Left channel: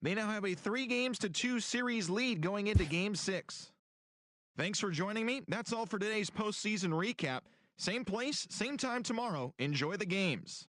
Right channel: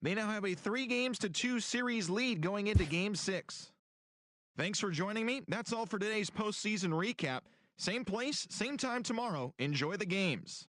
They now have a 3-2 series lead going into Game 6. Thanks for joining me. That's all for today's postseason recap. Same place, same time tomorrow. Enjoy the games.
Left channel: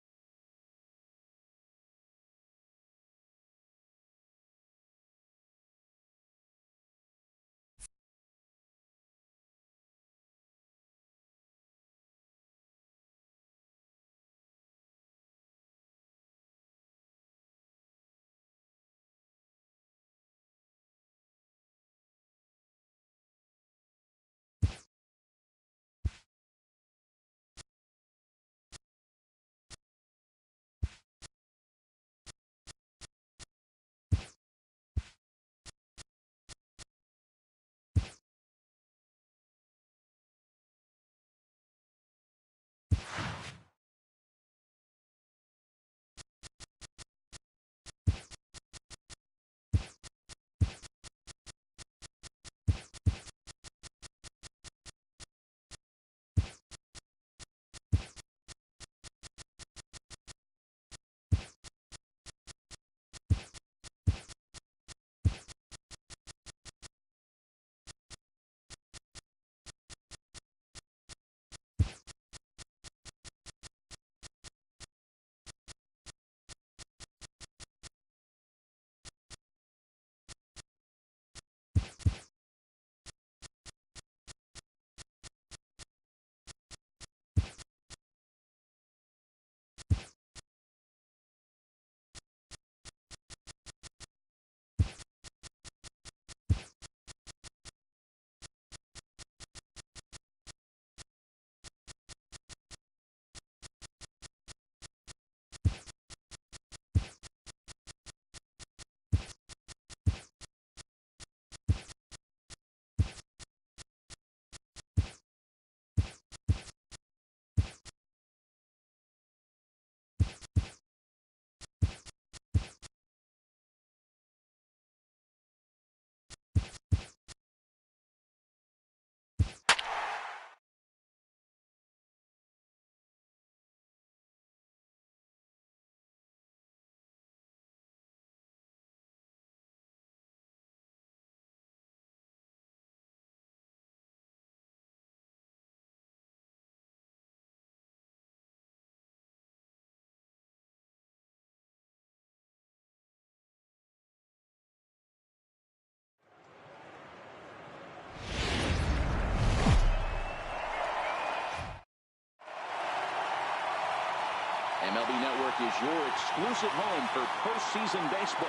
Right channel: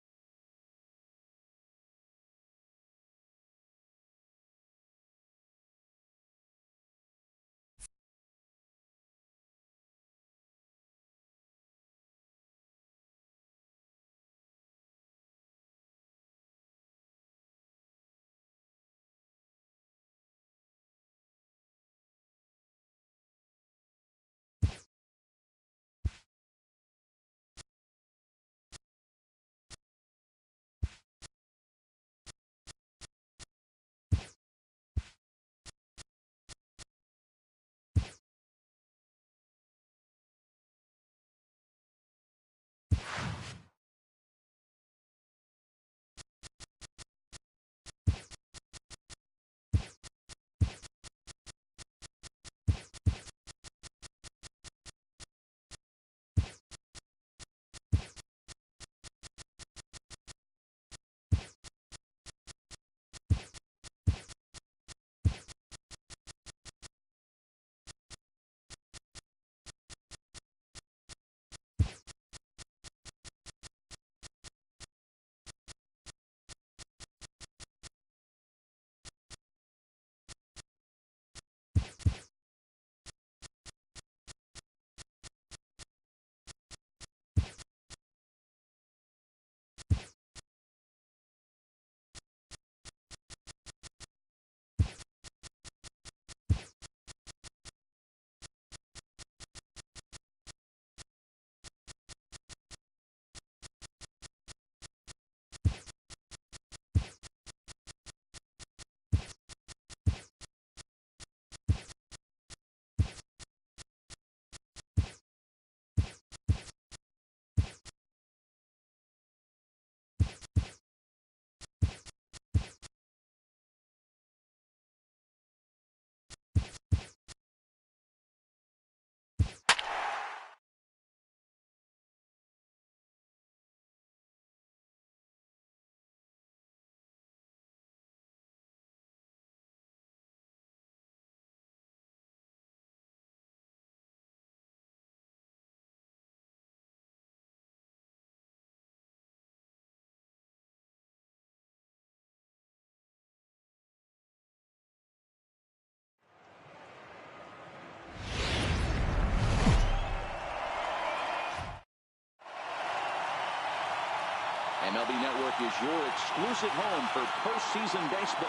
MLB Network is your exclusive home for postseason baseball.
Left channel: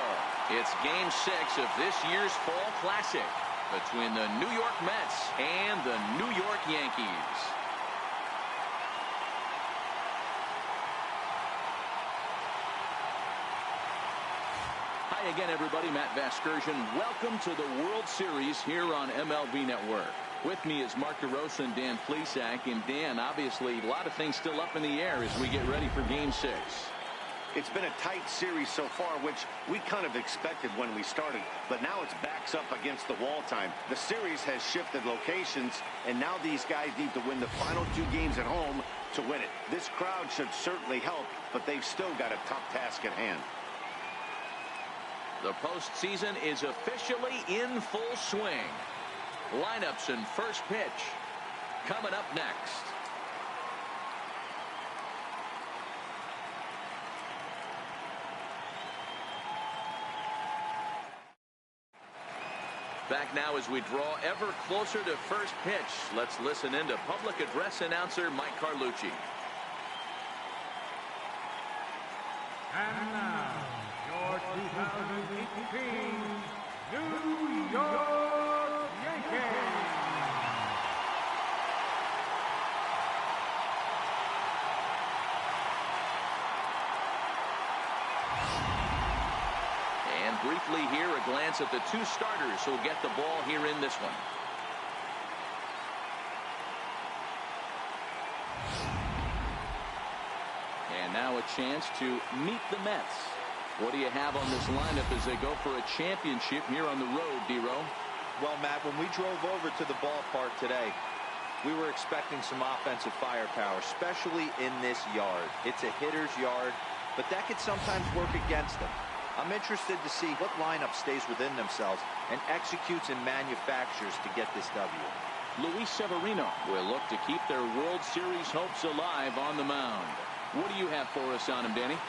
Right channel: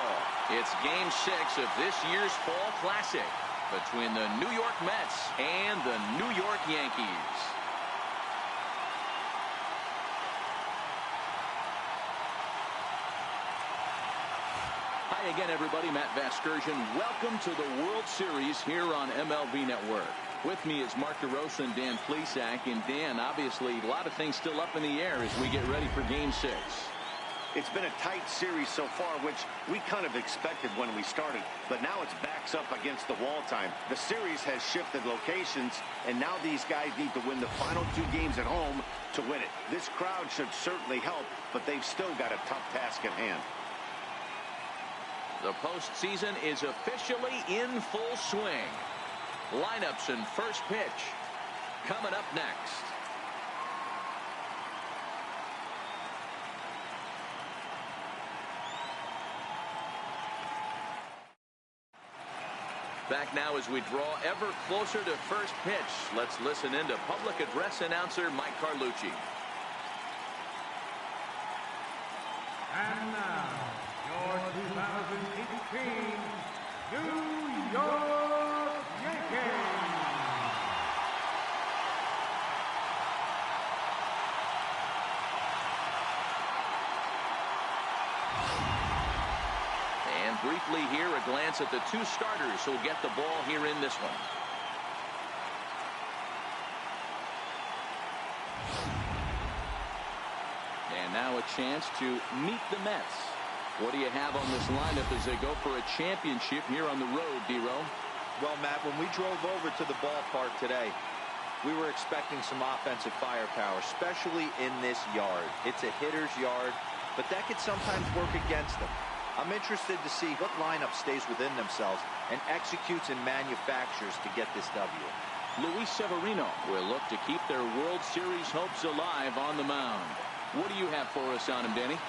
It's Game 6 of this year's Fall Classic between the New York Mets and the New York Yankees. Hi again, everybody. Matt Vasgersian. Welcome to the World Series here on MLB Network. With me is Mark DeRosa and Dan Plesac. And Dan, obviously, a lot of things still up in the air as we get ready for Game 6. It's been a tight series so far, which we kind of expected when we started. But now it's backs up against the wall time. The series has shifted locations, and now these guys need to win the final 2 games at home to win it. This crowd should certainly help, but they've still got a tough task at hand. The postseason is officially in full swing. Lineups and first pitch coming up next. Back now as we draw ever closer to first pitch. Let's listen in to public address announcer Mike Carlucci. And now, your 2018 New York Yankees. And briefly here, a glance at the 2 starters who'll get the ball here in this one. And now a chance to meet the Mets. What do you have on this lineup as they go for a championship here on the road, D-Row? Well, Matt, when we drove over to the ballpark today, we were expecting some offensive firepower, especially in this yard. It's a hitter's yard, but that could sometimes work against them. I'm interested to see what lineup stays within themselves and executes and manufactures to get this W. Luis Severino will look to keep their World Series hopes alive on the mound. What do you have for us on him, Danny?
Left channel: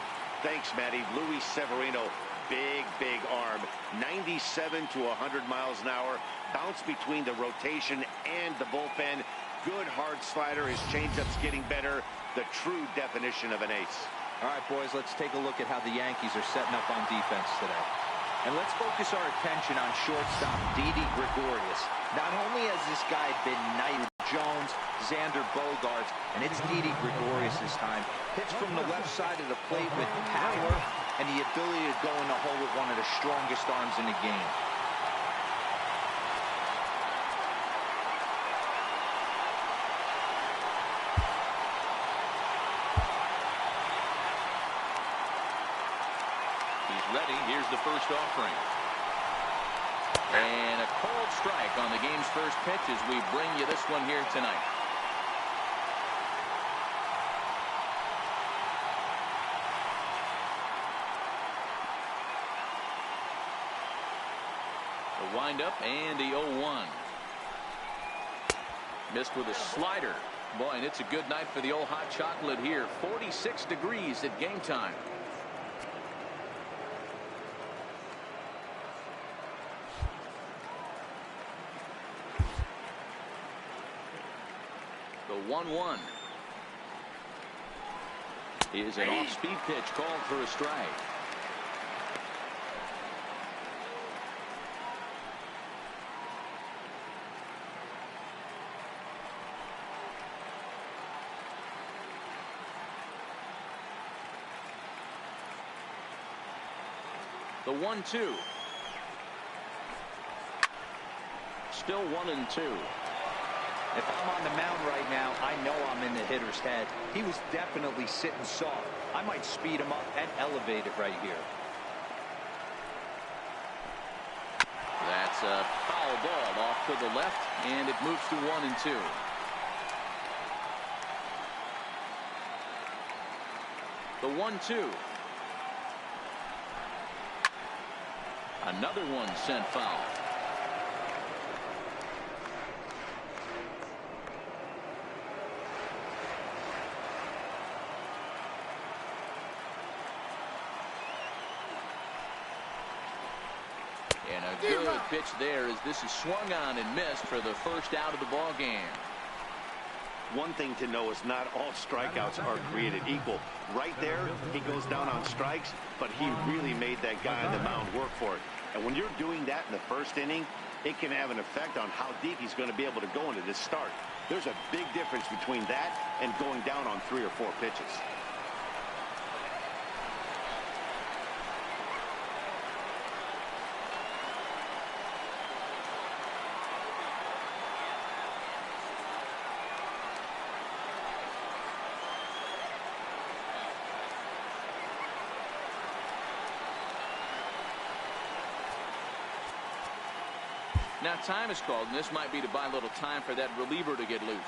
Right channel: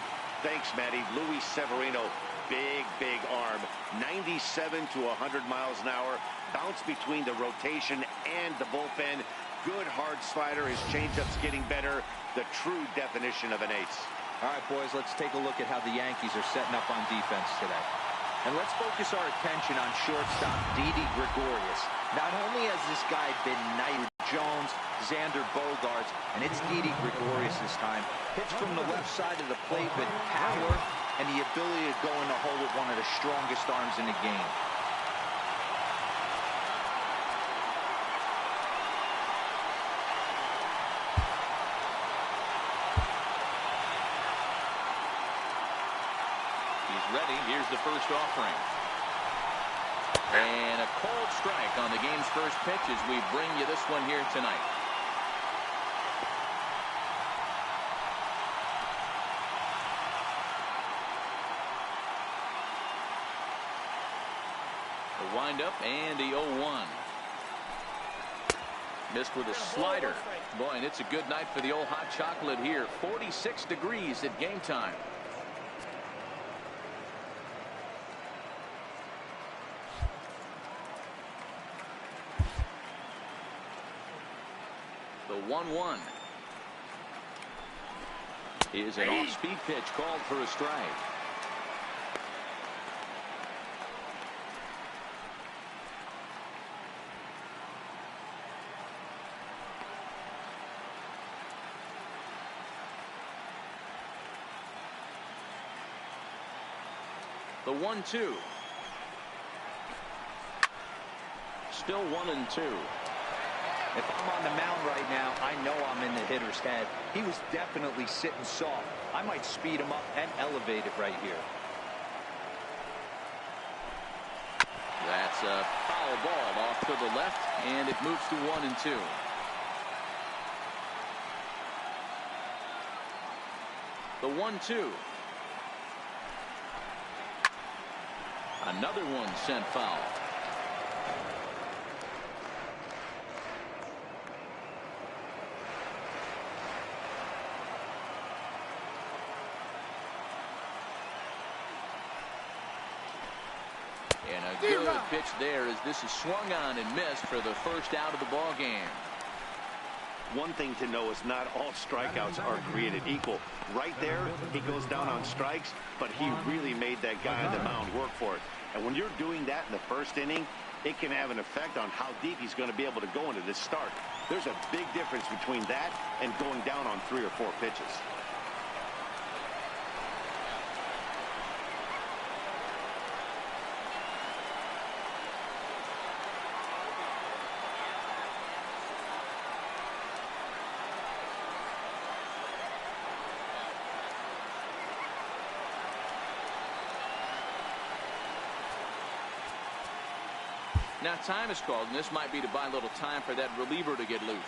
Thanks, Matty. Luis Severino, big arm, 97 to 100 miles an hour, bounce between the rotation and the bullpen. Good hard slider. His changeup's getting better. The true definition of an ace. All right, boys, let's take a look at how the Yankees are setting up on defense today. And let's focus our attention on shortstop Didi Gregorius. Not only has this guy been knighted Jones, Xander Bogaerts, and it's Didi Gregorius this time. Hits from the left side of the plate with power and the ability to go in the hole with one of the strongest arms in the game. Ready. Here's the first offering. And a cold strike on the game's first pitch as we bring you this one here tonight. The windup and the 0-1. Missed with a slider. Boy, and it's a good night for the old hot chocolate here. 46 degrees at game time. The 1-1 is an off-speed pitch called for a strike. The 1-2. Still 1-2. If I'm on the mound right now, I know I'm in the hitter's head. He was definitely sitting soft. I might speed him up and elevate it right here. That's a foul ball off to the left, and it moves to 1-2. The 1-2. Another one sent foul. And a good pitch there as this is swung on and missed for the first out of the ball game. One thing to know is not all strikeouts are created equal. Right there, he goes down on strikes, but he really made that guy on the mound work for it. And when you're doing that in the first inning, it can have an effect on how deep he's going to be able to go into this start. There's a big difference between that and going down on 3 or 4 pitches. Now time is called, and this might be to buy a little time for that reliever to get loose.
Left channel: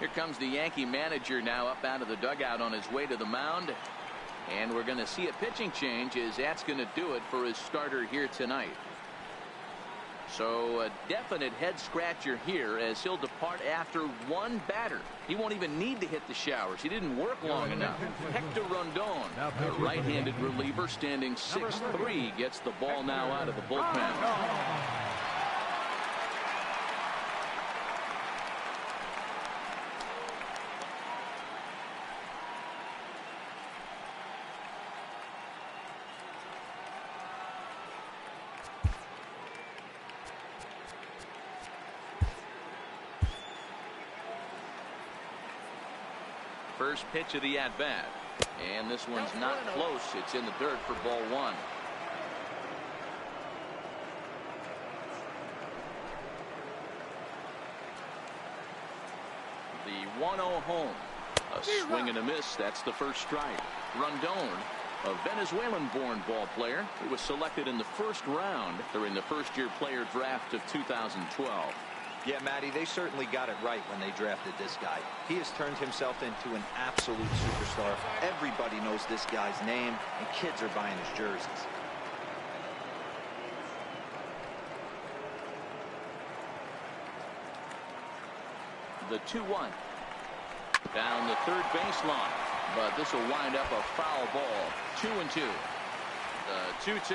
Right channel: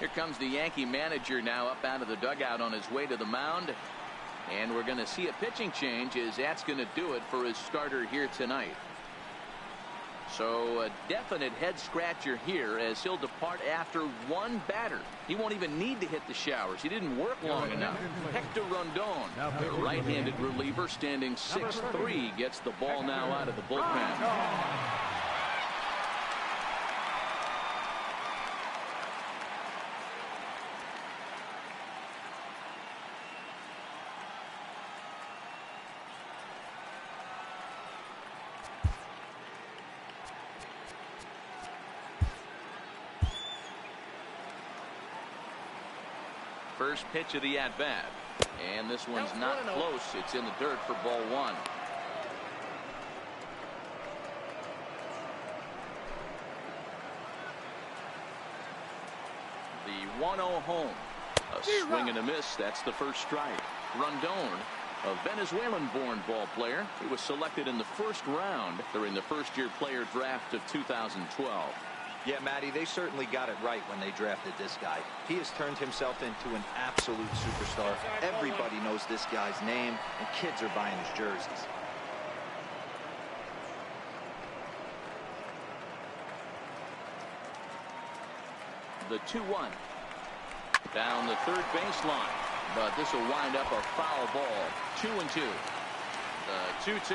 Here comes the Yankee manager now up out of the dugout on his way to the mound. And we're going to see a pitching change as that's going to do it for his starter here tonight. So a definite head scratcher here as he'll depart after one batter. He won't even need to hit the showers. He didn't work long enough. Hector Rondon, the right-handed reliever, standing 6'3", gets the ball now out of the bullpen. First pitch of the at-bat. And this one's not close. It's in the dirt for ball 1. The 1-0 home. A swing and a miss. That's the first strike. Rondon, a Venezuelan-born ball player. He was selected in the first round during the first-year player draft of 2012. Yeah, Matty, they certainly got it right when they drafted this guy. He has turned himself into an absolute superstar. Everybody knows this guy's name, and kids are buying his jerseys. The 2-1. Down the third baseline. But this will wind up a foul ball. 2-2. The 2-2.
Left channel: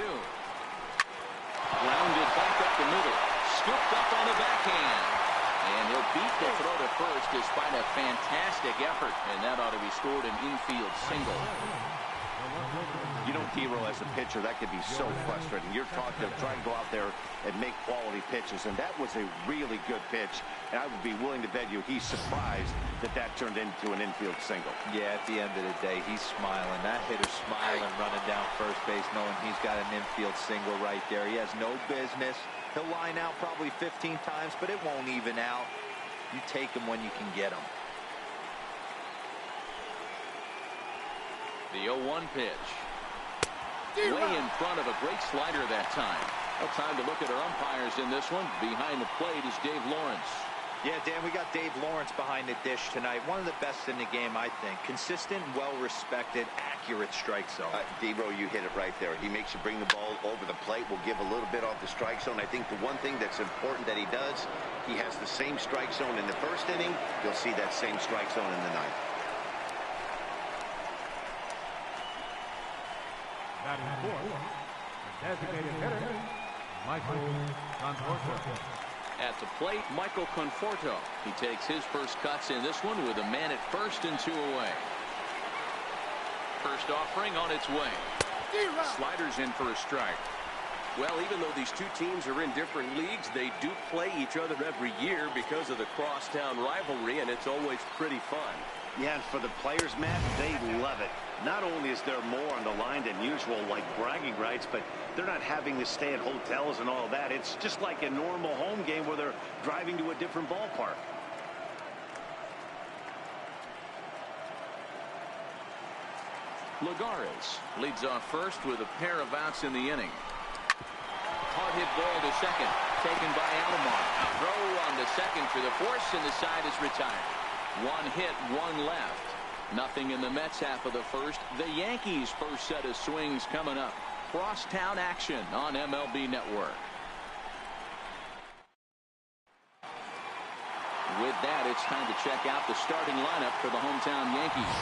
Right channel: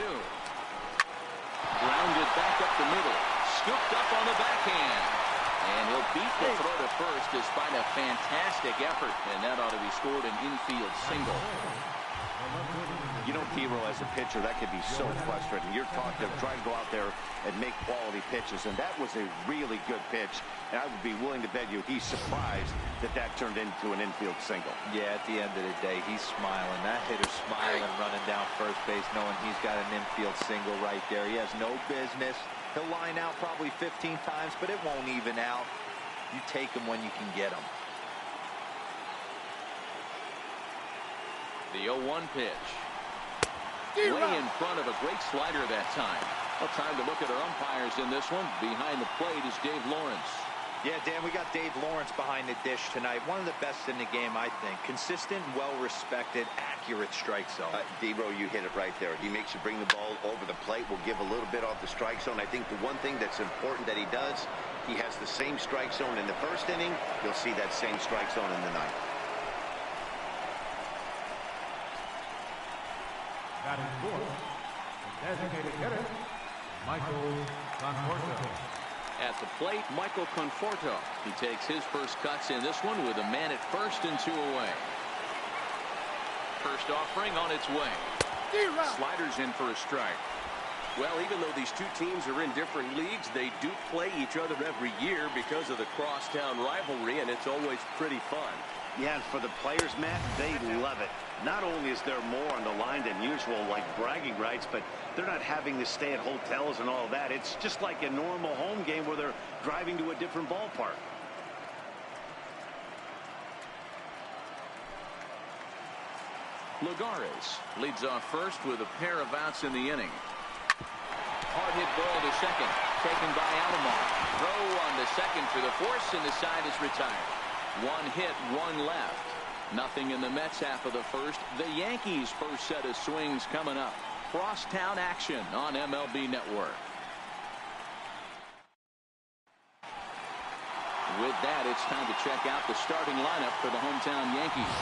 Grounded back up the middle. Scooped up on the backhand. And he'll beat the throw to first despite a fantastic effort. And that ought to be scored an infield single. You know, T-Row, as a pitcher, that could be so frustrating. You're trying to go out there and make quality pitches, and that was a really good pitch. And I would be willing to bet you he's surprised that that turned into an infield single. Yeah, at the end of the day, he's smiling. That hitter's smiling, running down first base, knowing he's got an infield single right there. He has no business. He'll line out probably 15 times, but it won't even out. You take him when you can get him. The 0-1 pitch. Way in front of a great slider that time. Well, time to look at our umpires in this one. Behind the plate is Dave Lawrence. Yeah, Dan, we got Dave Lawrence behind the dish tonight. One of the best in the game, I think. Consistent, well-respected, accurate strike zone. D-Row, you hit it right there. He makes you bring the ball over the plate. Will give a little bit off the strike zone. I think the one thing that's important that he does, he has the same strike zone in the first inning. You'll see that same strike zone in the ninth. Batting fourth, the designated hitter, Michael Conforto. At the plate, Michael Conforto. He takes his first cuts in this one with a man at first and 2 away. First offering on its way. Sliders in for a strike. Well, even though these two teams are in different leagues, they do play each other every year because of the crosstown rivalry, and it's always pretty fun. Yeah, and for the players, Matt, they love it. Not only is there more on the line than usual, like bragging rights, but they're not having to stay at hotels and all that. It's just like a normal home game where they're driving to a different ballpark. Lagares leads off first with a pair of outs in the inning. Hard hit ball to second, taken by Alomar. Throw on to second for the force, and the side is retired. One hit, one left. Nothing in the Mets half of the first. The Yankees' first set of swings coming up. Crosstown action on MLB Network. With that, it's time to check out the starting lineup for the hometown Yankees.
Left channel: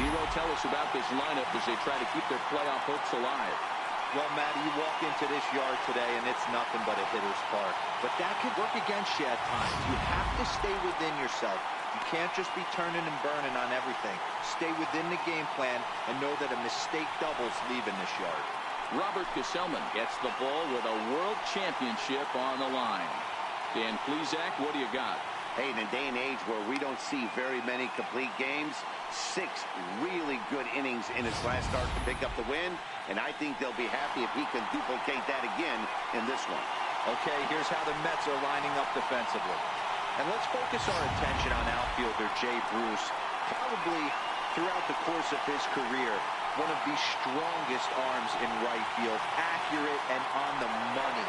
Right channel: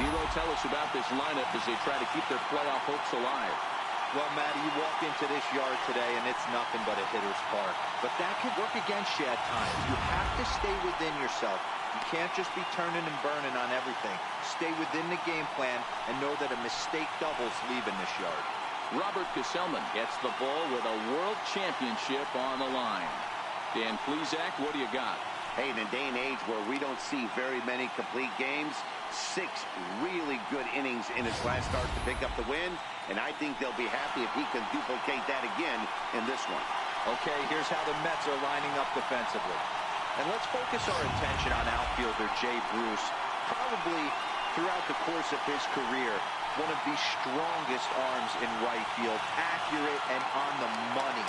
D-Row, tell us about this lineup as they try to keep their playoff hopes alive. Well, Matty, you walk into this yard today, and it's nothing but a hitter's park. But that could work against you at times. You have to stay within yourself. You can't just be turning and burning on everything. Stay within the game plan and know that a mistake doubles leaving this yard. Robert Gesellman gets the ball with a world championship on the line. Dan Plesac, what do you got? Hey, in a day and age where we don't see very many complete games, 6 really good innings in his last start to pick up the win, and I think they'll be happy if he can duplicate that again in this one. Okay, here's how the Mets are lining up defensively. And let's focus our attention on outfielder Jay Bruce. Probably throughout the course of his career, one of the strongest arms in right field, accurate and on the money.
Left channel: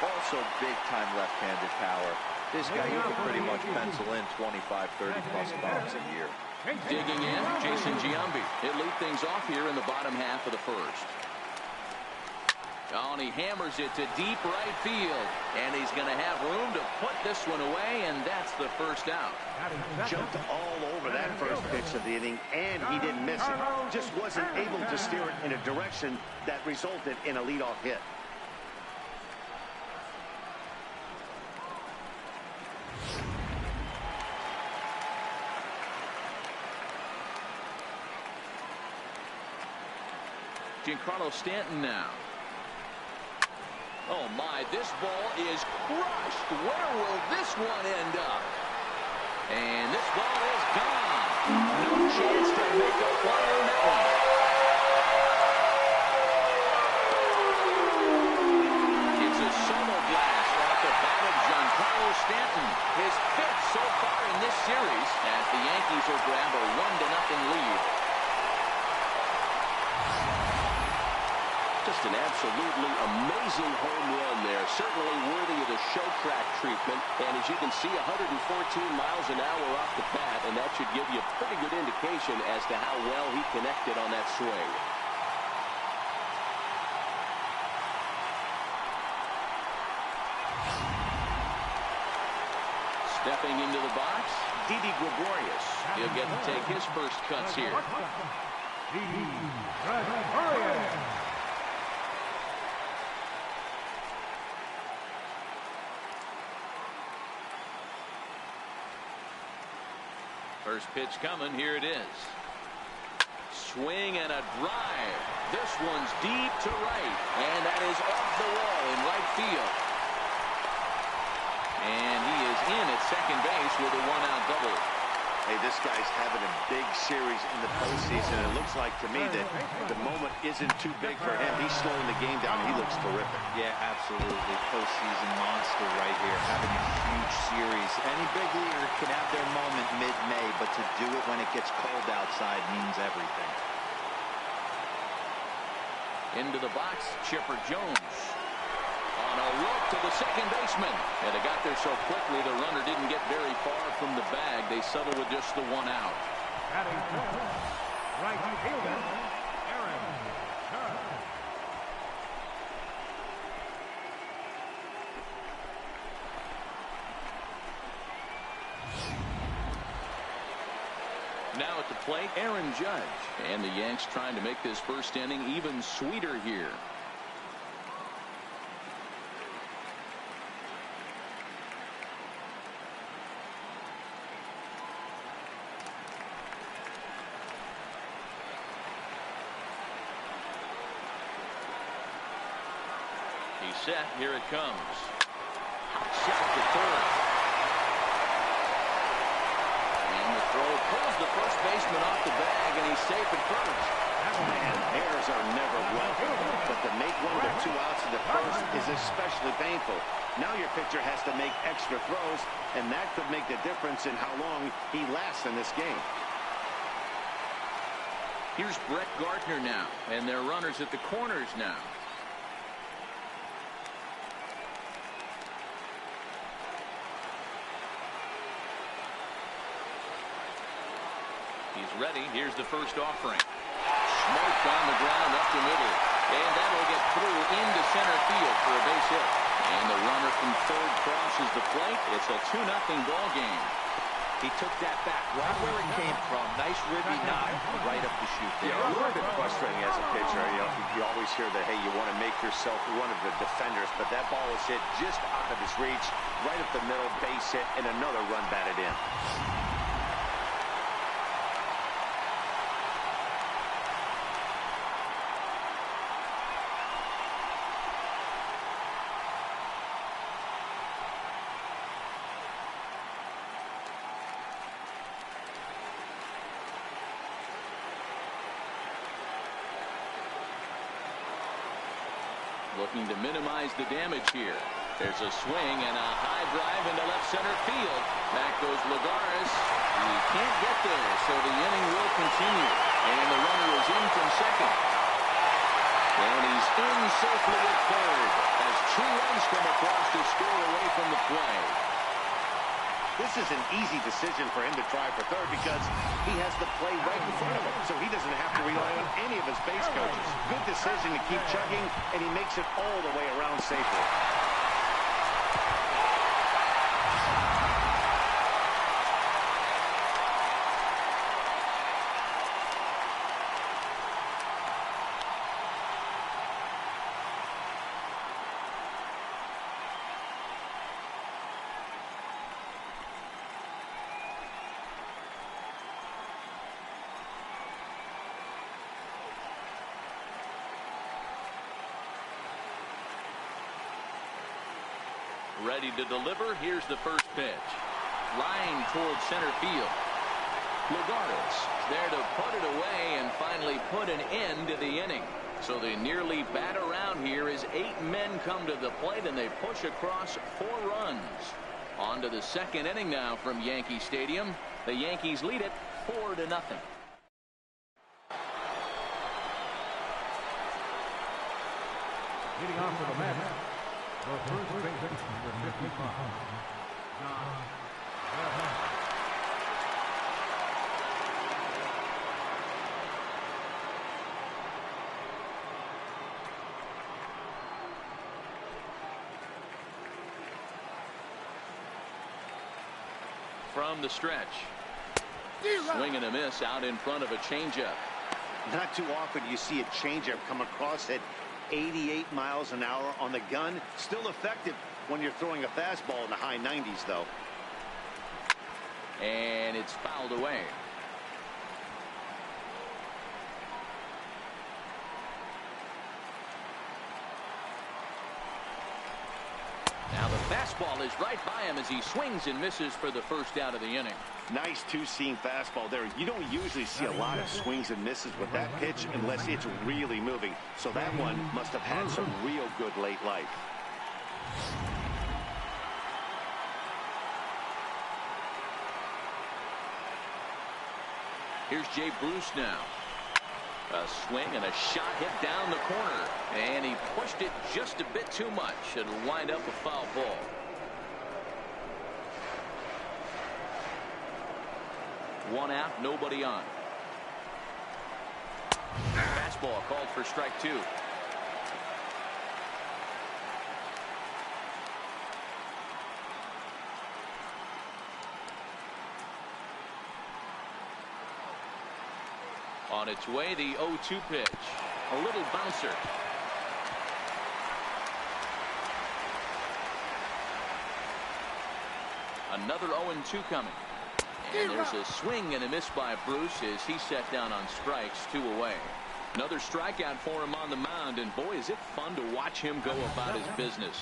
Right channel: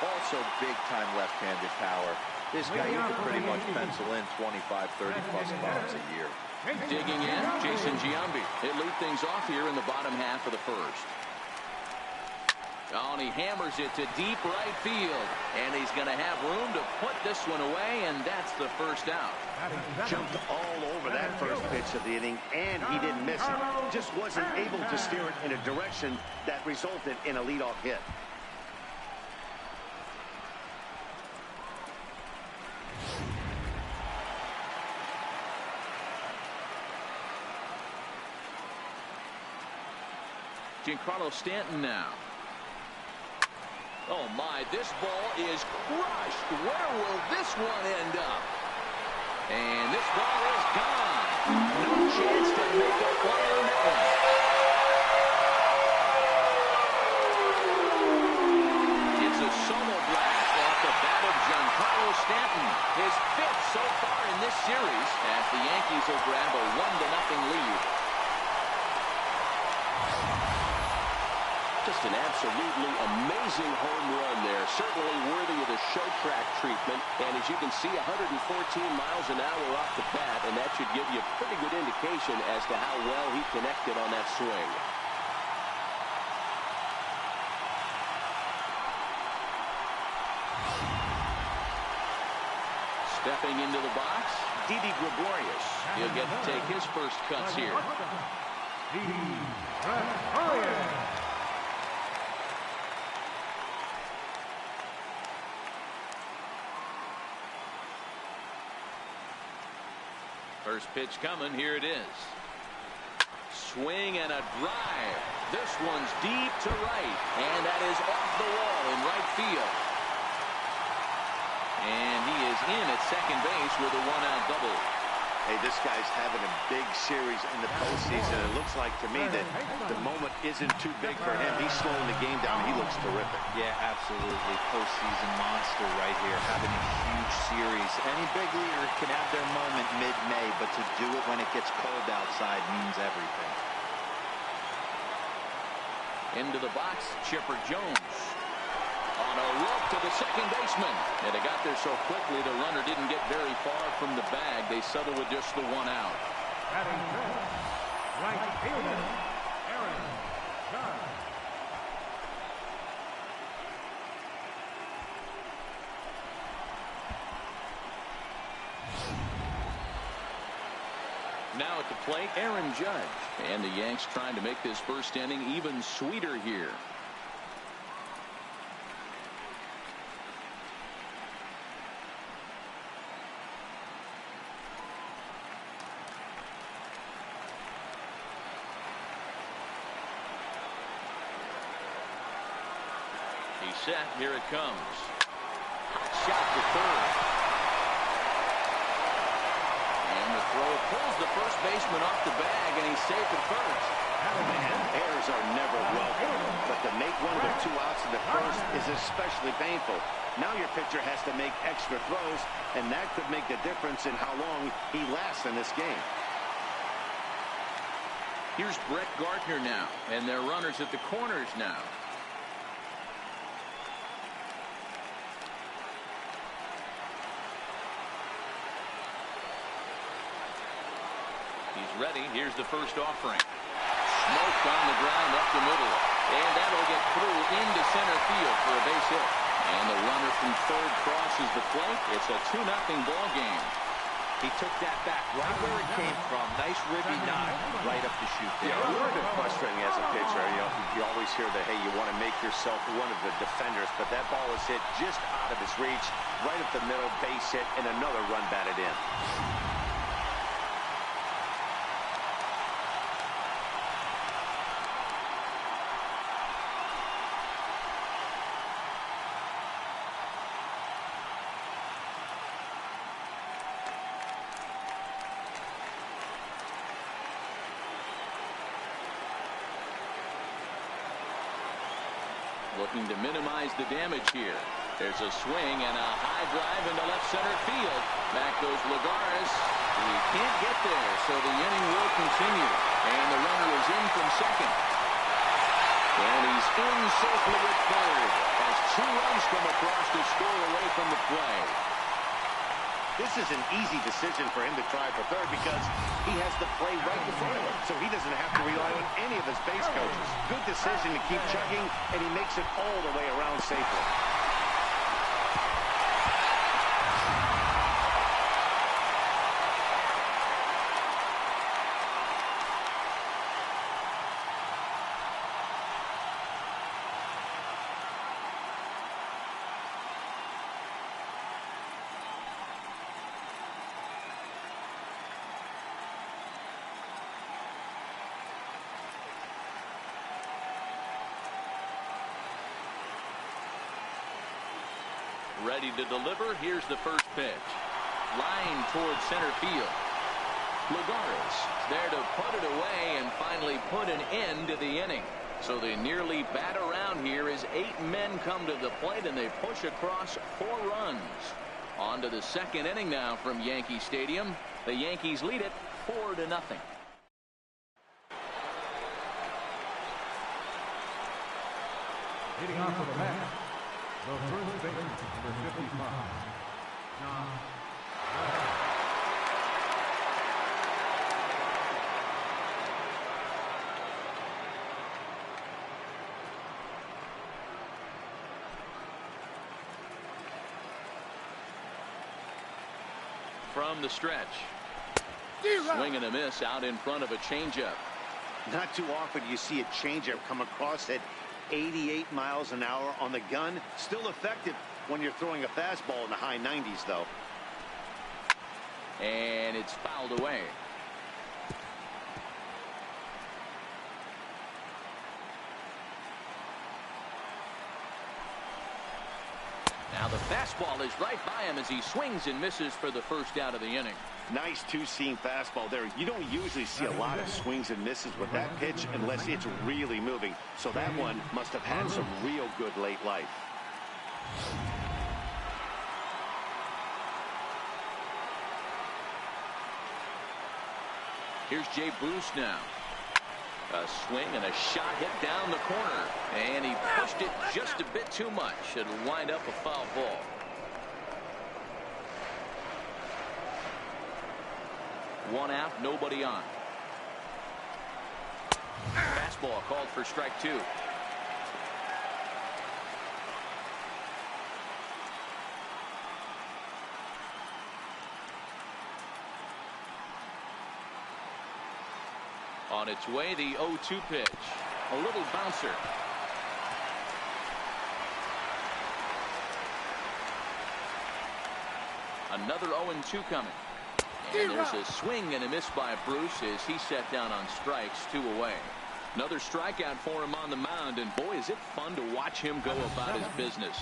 Also big-time left-handed power. This guy, you could pretty much pencil in 25, 30-plus bombs a year. Digging in, Jason Giambi. He'll lead things off here in the bottom half of the first. Oh, and he hammers it to deep right field. And he's going to have room to put this one away, and that's the first out. Jumped all over that first pitch of the inning, and he didn't miss it. Just wasn't able to steer it in a direction that resulted in a leadoff hit. Giancarlo Stanton now. Oh my, this ball is crushed. Where will this one end up? And this ball is gone. No chance to make a play on that one. It's a solo blast off the bat of Giancarlo. Stanton, his 5th so far in this series, as the Yankees will grab a 1-0 lead. Just an absolutely amazing home run there. Certainly worthy of the show track treatment. And as you can see, 114 miles an hour off the bat, and that should give you a pretty good indication as to how well he connected on that swing. Stepping into the box, Didi Gregorius. He'll get to take his first cuts here. Didi Gregorius. First pitch coming. Here it is. Swing and a drive. This one's deep to right, and that is off the wall in right field. And he is in at second base with a 1-out double. Hey, this guy's having a big series in the postseason. It looks like to me that the moment isn't too big for him. He's slowing the game down. He looks terrific. Yeah, absolutely. Postseason monster right here, having a huge series. Any big leaguer can have their moment mid-May, but to do it when it gets cold outside means everything. Into the box, Chipper Jones. On a rope to the second baseman. And it got there so quickly the runner didn't get very far from the bag. They settled with just the 1 out. Batting fifth, right fielder, Aaron Judge. Now at the plate, Aaron Judge. And the Yanks trying to make this first inning even sweeter here. He's set. Here it comes. Hot shot to third. And the throw pulls the first baseman off the bag, and he's safe at first. Man, errors are never welcome, but to make one with 2 outs in the first is especially painful. Now your pitcher has to make extra throws, and that could make the difference in how long he lasts in this game. Here's Brett Gardner now, and their runners at the corners now. He's ready. Here's the first offering. Smoked on the ground up the middle. And that'll get through into center field for a base hit. And the runner from third crosses the plate. It's a 2-0 ball game. He took that back right where it came from. Nice ribby knock right up the chute there. Yeah, a little bit frustrating as a pitcher. You always hear that, hey, you want to make yourself one of the defenders, but that ball was hit just out of his reach, right up the middle, base hit, and another run batted in. Looking to minimize the damage here. There's a swing and a high drive into left center field. Back goes Lagares. He can't get there, so the inning will continue. And the runner is in from second. And he's in safely at third as 2 runs come across to score away from the play. This is an easy decision for him to try for third because he has the play right in front of him, so he doesn't have to rely on any of his base coaches. Good decision to keep chugging, and he makes it all the way around safely. Ready to deliver. Here's the first pitch. Line towards center field. Lagares there to put it away and finally put an end to the inning. So they nearly bat around here as 8 men come to the plate and they push across 4 runs. On to the second inning now from Yankee Stadium. The Yankees lead it 4-0. Leading off for the Mets, the first baseman, number 55, John Gray. From the stretch. Swing and a miss out in front of a changeup. Not too often you see a changeup come across at 88 miles an hour on the gun. Still effective when you're throwing a fastball in the high 90s, though. And it's fouled away. Now the fastball is right by him as he swings and misses for the first out of the inning. Nice two-seam fastball there. You don't usually see a lot of swings and misses with that pitch unless it's really moving. So that one must have had some real good late life. Here's Jay Bruce now. A swing and a shot hit down the corner. And he pushed it just a bit too much. It'll wind up a foul ball. One out, nobody on. Fastball called for strike two. On its way, the 0-2 pitch. A little bouncer. Another 0-2 coming. And there's a swing and a miss by Bruce as he set down on strikes, 2 away. Another strikeout for him on the mound, and boy, is it fun to watch him go about his business.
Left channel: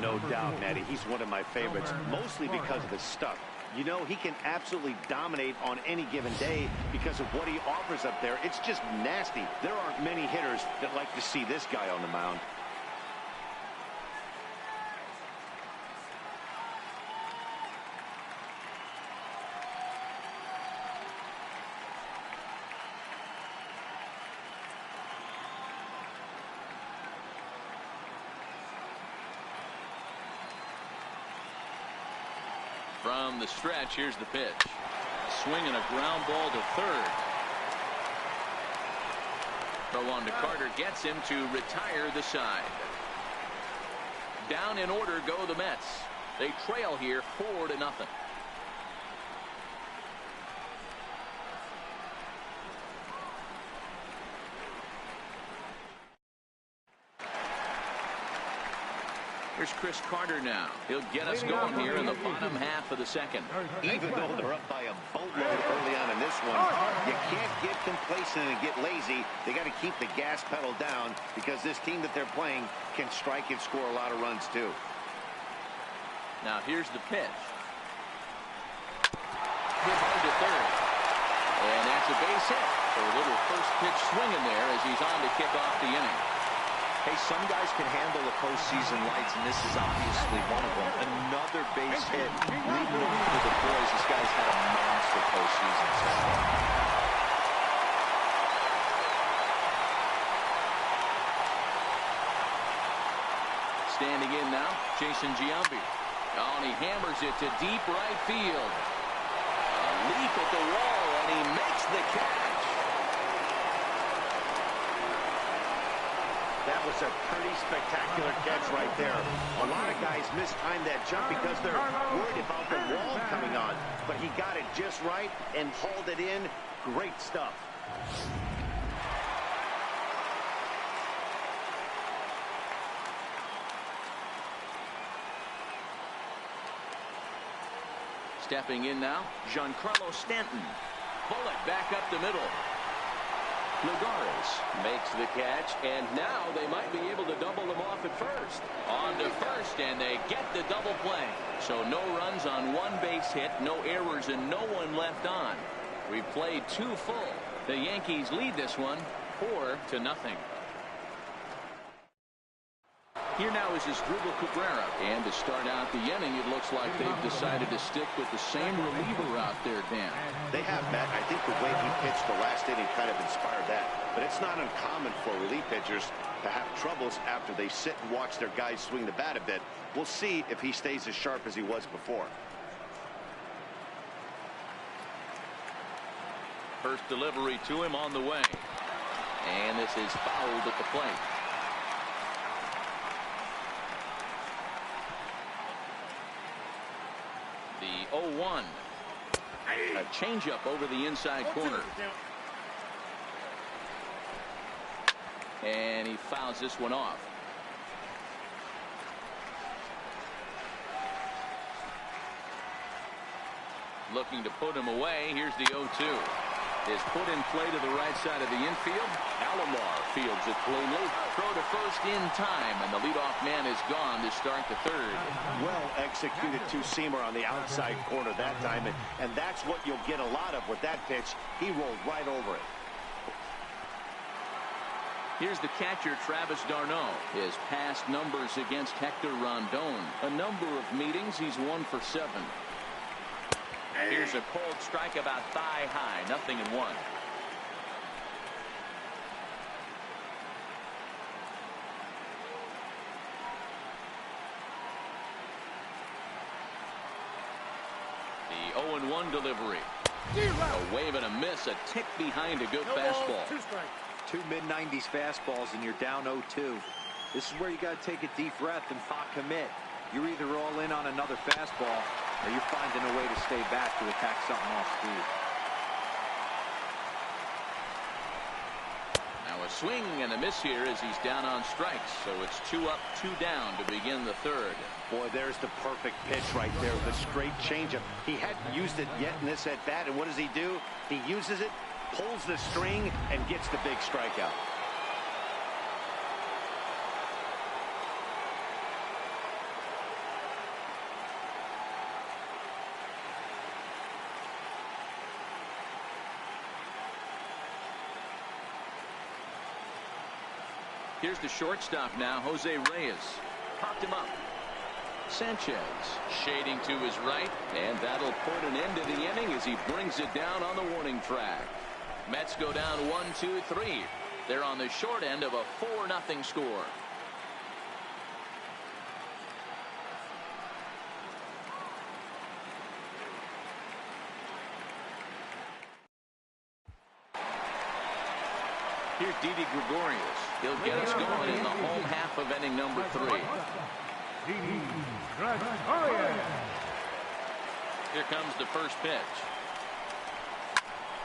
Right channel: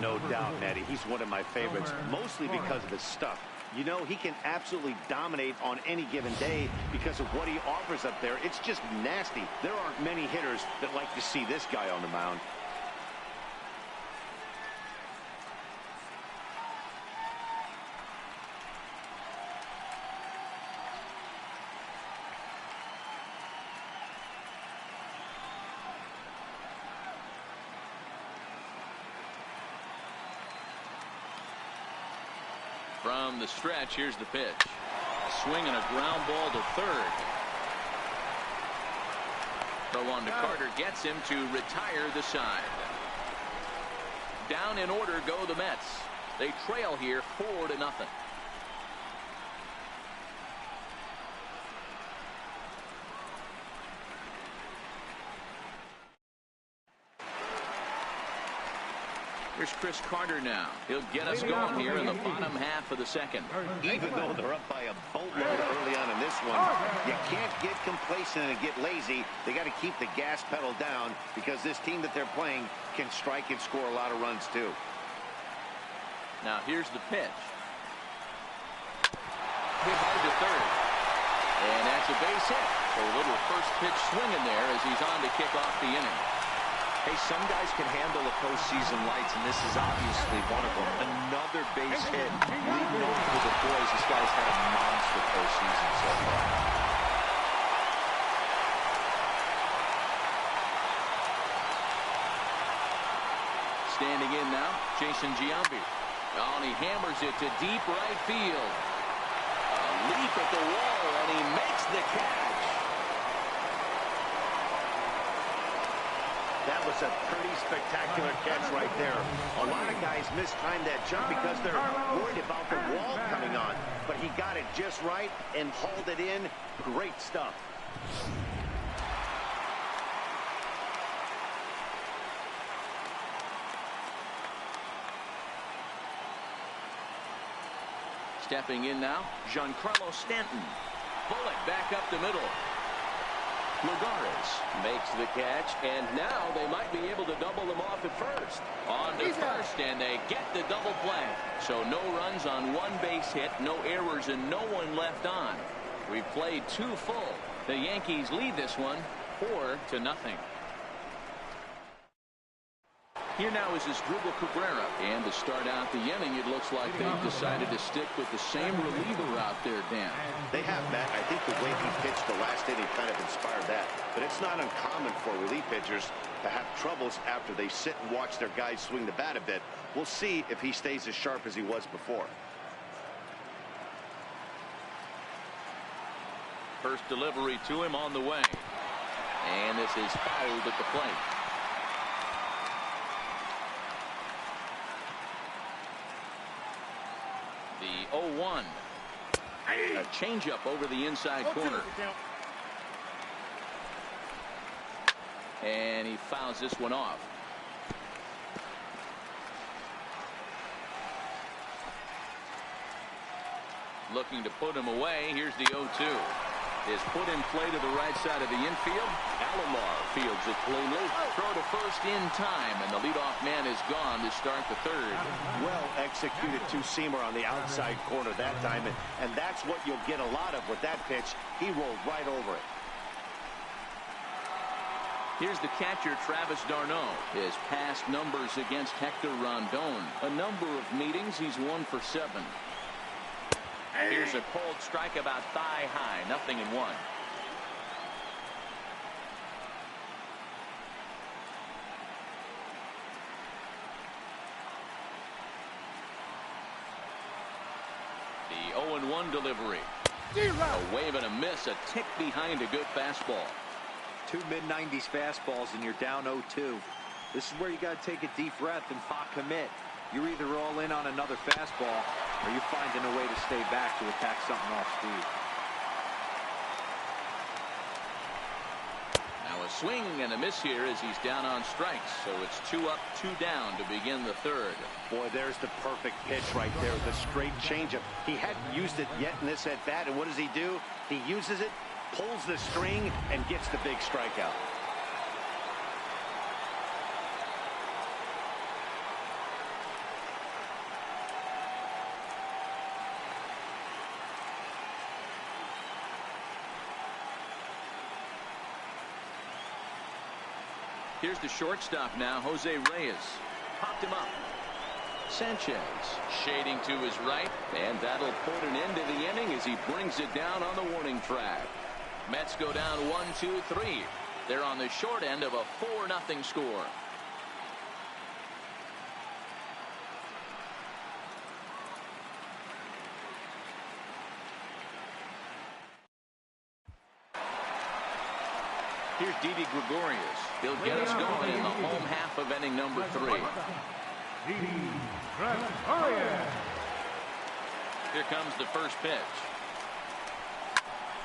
No doubt, Matty. He's one of my favorites, mostly because of his stuff. You know, he can absolutely dominate on any given day because of what he offers up there. It's just nasty. There aren't many hitters that like to see this guy on the mound. From the stretch, here's the pitch. A swing and a ground ball to third. Throw on to Carter gets him to retire the side. Down in order go the Mets. They trail here 4-0. Here's Chris Carter now. He'll get us going here in the bottom half of the second. Even though they're up by a boatload early on in this one, you can't get complacent and get lazy. They got to keep the gas pedal down because this team that they're playing can strike and score a lot of runs too. Now here's the pitch. Hit hard to third. And that's a base hit. So a little first pitch swinging there as he's on to kick off the inning. Hey, some guys can handle the postseason lights, and this is obviously one of them. Another base hit, leading on for the boys. This guy's had a monster postseason so far. Standing in now, Jason Giambi. Oh, and he hammers it to deep right field. A leap at the wall, and he makes the catch. That was a pretty spectacular catch right there. A lot of guys mistime that jump because they're worried about the wall coming on. But he got it just right and hauled it in. Great stuff. Stepping in now, Giancarlo Stanton. Bullet back up the middle. Lagares makes the catch, and now they might be able to double them off at first. On to first, and they get the double play. So no runs on one base hit, no errors, and no one left on. We've played 2 full. The Yankees lead this one 4-0. Here now is Asdrubal Cabrera. And to start out the inning, it looks like they've decided to stick with the same reliever out there, Dan. They have, Matt. I think the way he pitched the last inning kind of inspired that. But it's not uncommon for relief pitchers to have troubles after they sit and watch their guys swing the bat a bit. We'll see if he stays as sharp as he was before. First delivery to him on the way. And this is fouled at the plate. The 0-1. A changeup over the inside corner. And he fouls this one off. Looking to put him away. Here's the 0-2. Is put in play to the right side of the infield. Alomar fields it cleanly. Throw to first in time, and the leadoff man is gone to start the third. Well executed two-seamer on the outside corner that time, and that's what you'll get a lot of with that pitch. He rolled right over it. Here's the catcher, Travis d'Arnaud. His past numbers against Hector Rondon. A number of meetings, he's 1 for 7. Here's a cold strike about thigh high, 0-1. The 0-1 delivery. A wave and a miss, a tick behind a good fastball. Two mid-90s fastballs and you're down 0-2. This is where you got to take a deep breath and not commit. You're either all in on another fastball or you're finding a way to stay back to attack something off speed. Now a swing and a miss here as he's down on strikes. So it's 2 up, 2 down to begin the third. Boy, there's the perfect pitch right there, the straight changeup. He hadn't used it yet in this at-bat, and what does he do? He uses it, pulls the string, and gets the big strikeout. Here's the shortstop now, Jose Reyes. Popped him up. Sanchez shading to his right, and that'll put an end to the inning as he brings it down on the warning track. Mets go down 1-2-3. They're on the short end of a 4-0 score. Here's Didi Gregorius. He'll get us going in the home half of inning number 3. Didi Gregorius. Here comes the first pitch.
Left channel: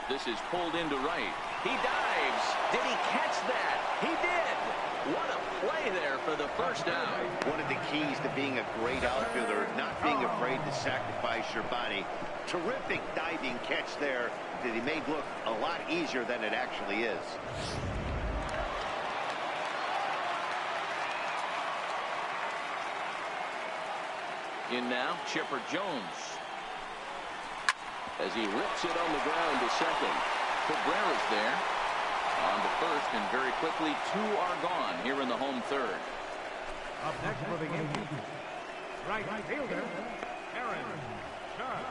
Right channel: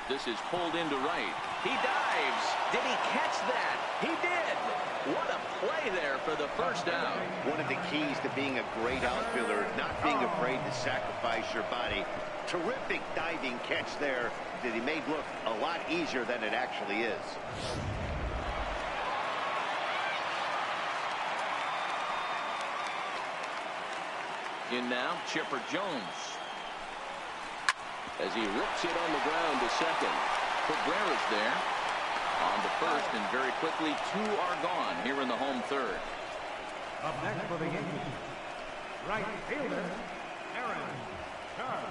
This is pulled into right. He dives. Did he catch that? He did. What a play there for the first out. One of the keys to being a great outfielder, not being afraid to sacrifice your body. Terrific diving catch there that he made look a lot easier than it actually is. In now, Chipper Jones. As he rips it on the ground to second. Cabrera's there. On to first, and very quickly 2 are gone here in the home third. Up next for the Yankees, right fielder, Aaron Judge.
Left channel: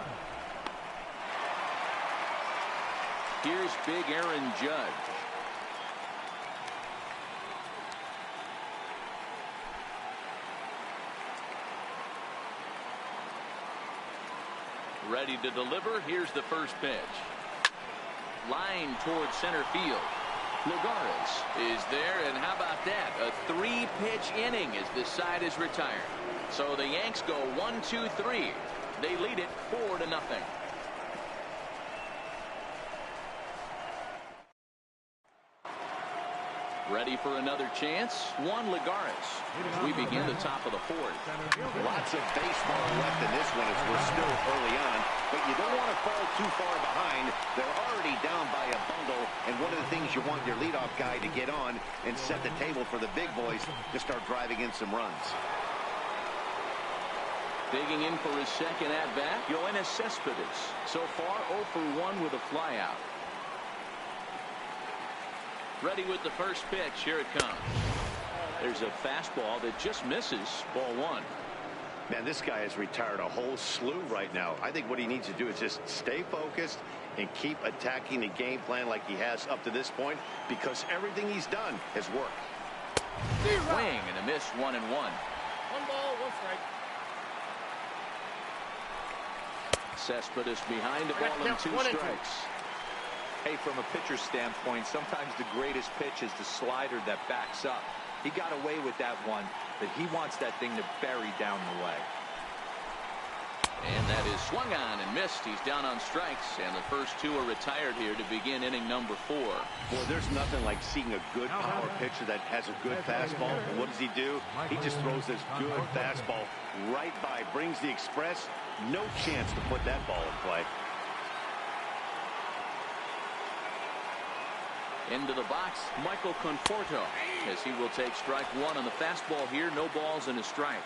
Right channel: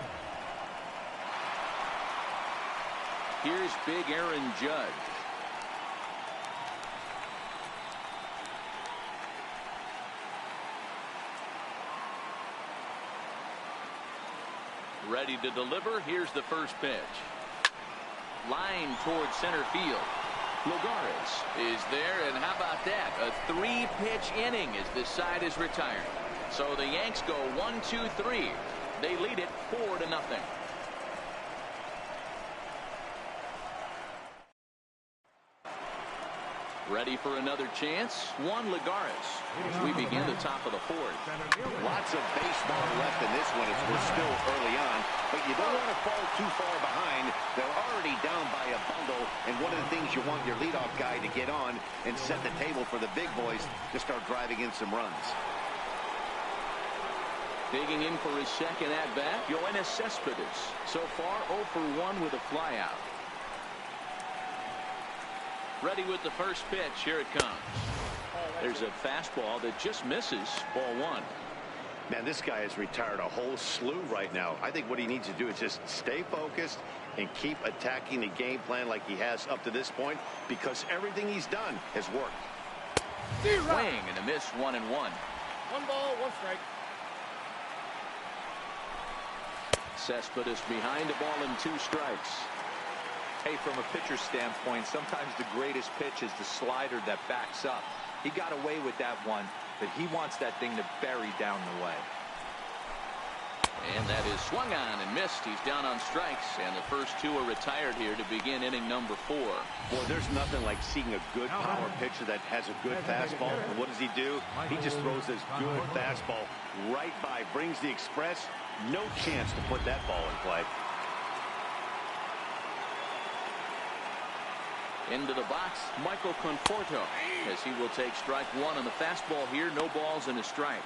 Here's big Aaron Judge. Ready to deliver. Here's the first pitch. Line towards center field. Lagares is there, and how about that? A 3-pitch inning as this side is retired. So the Yanks go 1-2-3. They lead it 4-0. Ready for another chance? Juan Lagares as we begin the top of the 4th. Lots of baseball left in this one as we're still early on, but you don't want to fall too far behind. They're already down by a bundle, and one of the things you want your leadoff guy to get on and set the table for the big boys to start driving in some runs. Digging in for his second at-bat, Yoenis Cespedes. So far 0 for 1 with a flyout. Ready with the first pitch. Here it comes. There's a fastball that just misses. Ball one. Man, this guy has retired a whole slew right now. I think what he needs to do is just stay focused and keep attacking the game plan like he has up to this point, because everything he's done has worked. Swing and a miss, 1-1. 1 ball, 1 strike. Cespedes behind the ball and 2 strikes. Hey, from a pitcher's standpoint, sometimes the greatest pitch is the slider that backs up. He got away with that one, but he wants that thing to bury down the way. And that is swung on and missed. He's down on strikes, and the first 2 are retired here to begin inning number 4. Boy, there's nothing like seeing a good power pitcher that has a good fastball. And what does he do? He just throws this good fastball right by, brings the express. No chance to put that ball in play. Into the box, Michael Conforto, as he will take strike 1 on the fastball here. No balls and a strike.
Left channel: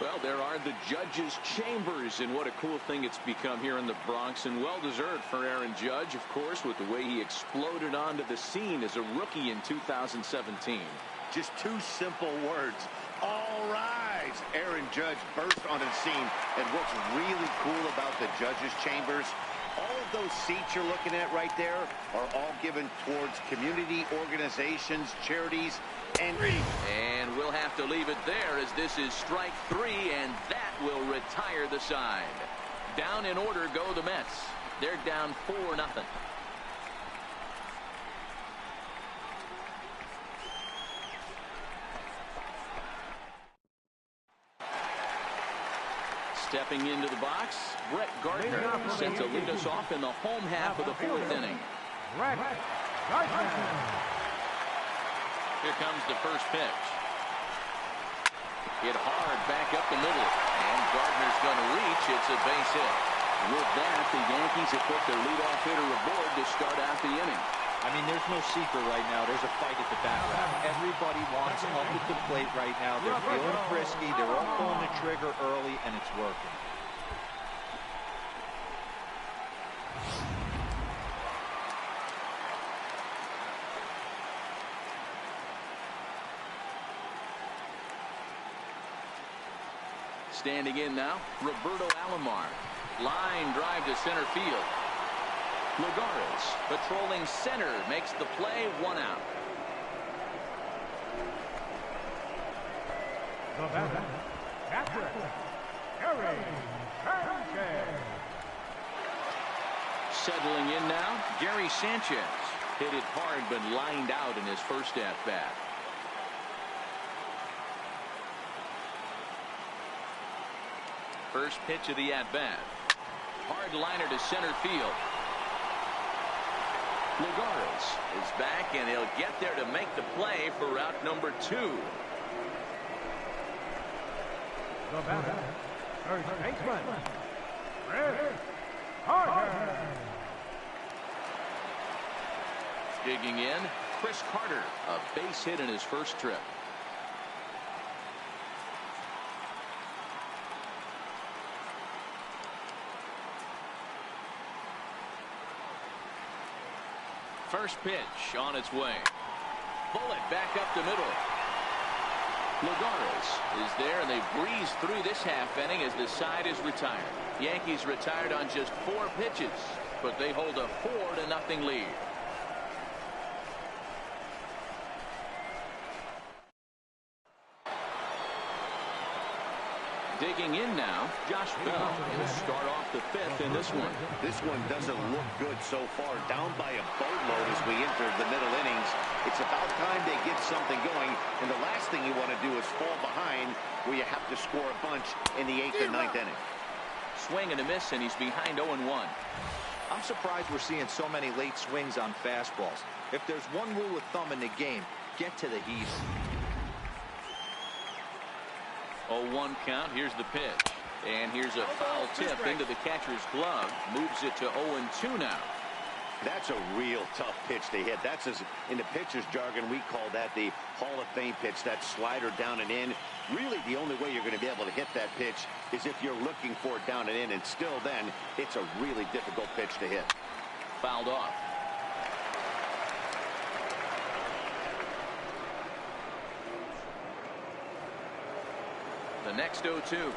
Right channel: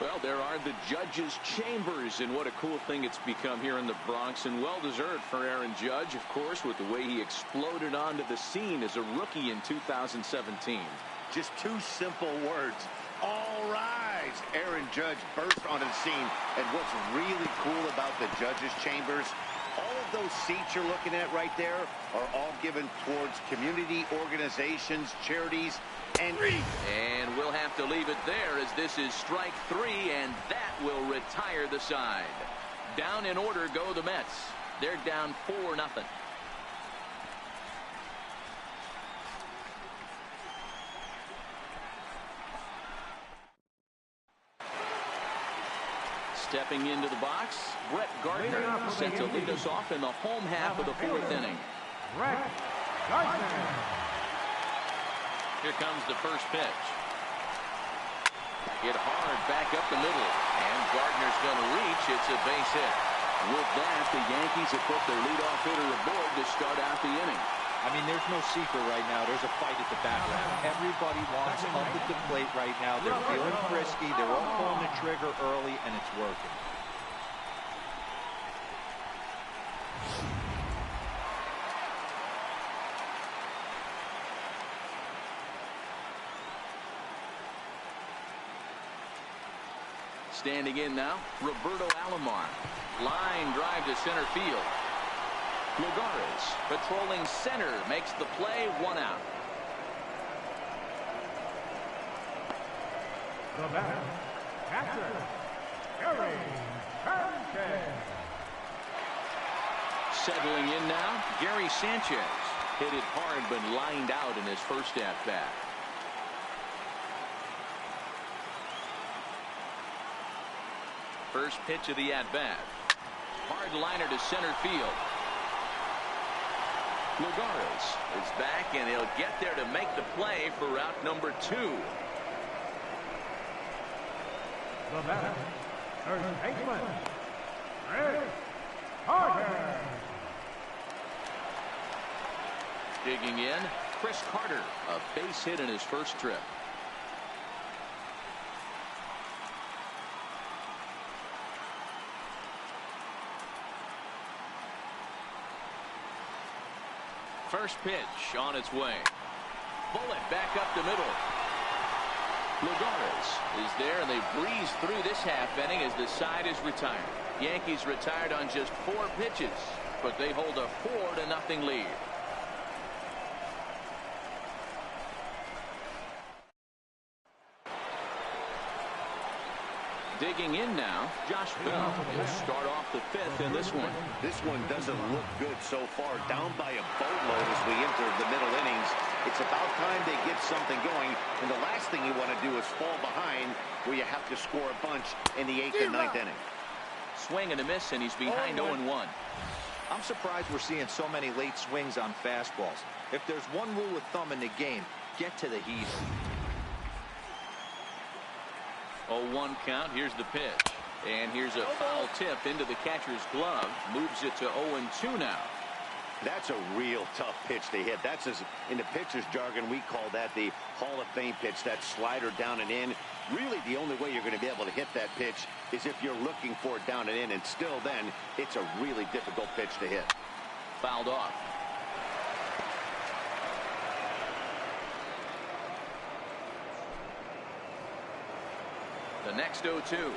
Well, there are the judges' chambers, and what a cool thing it's become here in the Bronx, and well-deserved for Aaron Judge, of course, with the way he exploded onto the scene as a rookie in 2017. Just 2 simple words. All rise. Aaron Judge burst onto the scene, and what's really cool about the judges' chambers, all of those seats you're looking at right there are all given towards community organizations, charities, and we'll have to leave it there, as this is strike 3, and that will retire the side. Down in order go the Mets. They're down 4-0. Stepping into the box, Brett Gardner set to lead us off in the home half of the 4th inning. Brett Gardner. Here comes the first pitch. Hit hard back up the middle, and Gardner's going to reach. It's a base hit. With that, the Yankees have put their leadoff hitter aboard to start out the inning. I mean, there's no secret right now. There's a fight at the bat rack. Everybody wants up at the plate right now. They're feeling frisky. They're all pulling the trigger early, and it's working. Standing in now, Roberto Alomar. Line drive to center field. Lagares patrolling center makes the play, 1 out. The batter, catcher, Gary Sanchez. Settling in now, Gary Sanchez. Hit it hard but lined out in his first at-bat. First pitch of the at-bat. Hard liner to center field. Lagares is back, and he'll get there to make the play for route number 2. The batter, first baseman, Chris Carter. Digging in, Chris Carter, a base hit in his first trip. First pitch on its way. Bullet back up the middle. Lagares is there, and they breeze through this half inning as the side is retired. Yankees retired on just 4 pitches, but they hold a 4-0 lead. Digging in now, Josh Bell. He'll start off the 5th in this one. This one doesn't look good so far. Down by a boatload as we enter the middle innings. It's about time they get something going, and the last thing you want to do is fall behind where you have to score a bunch in the 8th and 9th inning. Swing and a miss, and he's behind 0-1. I'm surprised we're seeing so many late swings on fastballs. If there's one rule of thumb in the game, get to the heater. 0-1 count. Here's the pitch. And here's a foul tip into the catcher's glove. Moves it to 0-2 now. That's a real tough pitch to hit. That's, in the pitcher's jargon, we call that the Hall of Fame pitch. That slider down and in. Really, the only way you're going to be able to hit that pitch is if you're looking for it down and in. And still then, it's a really difficult pitch to hit. Fouled off. The next 0-2.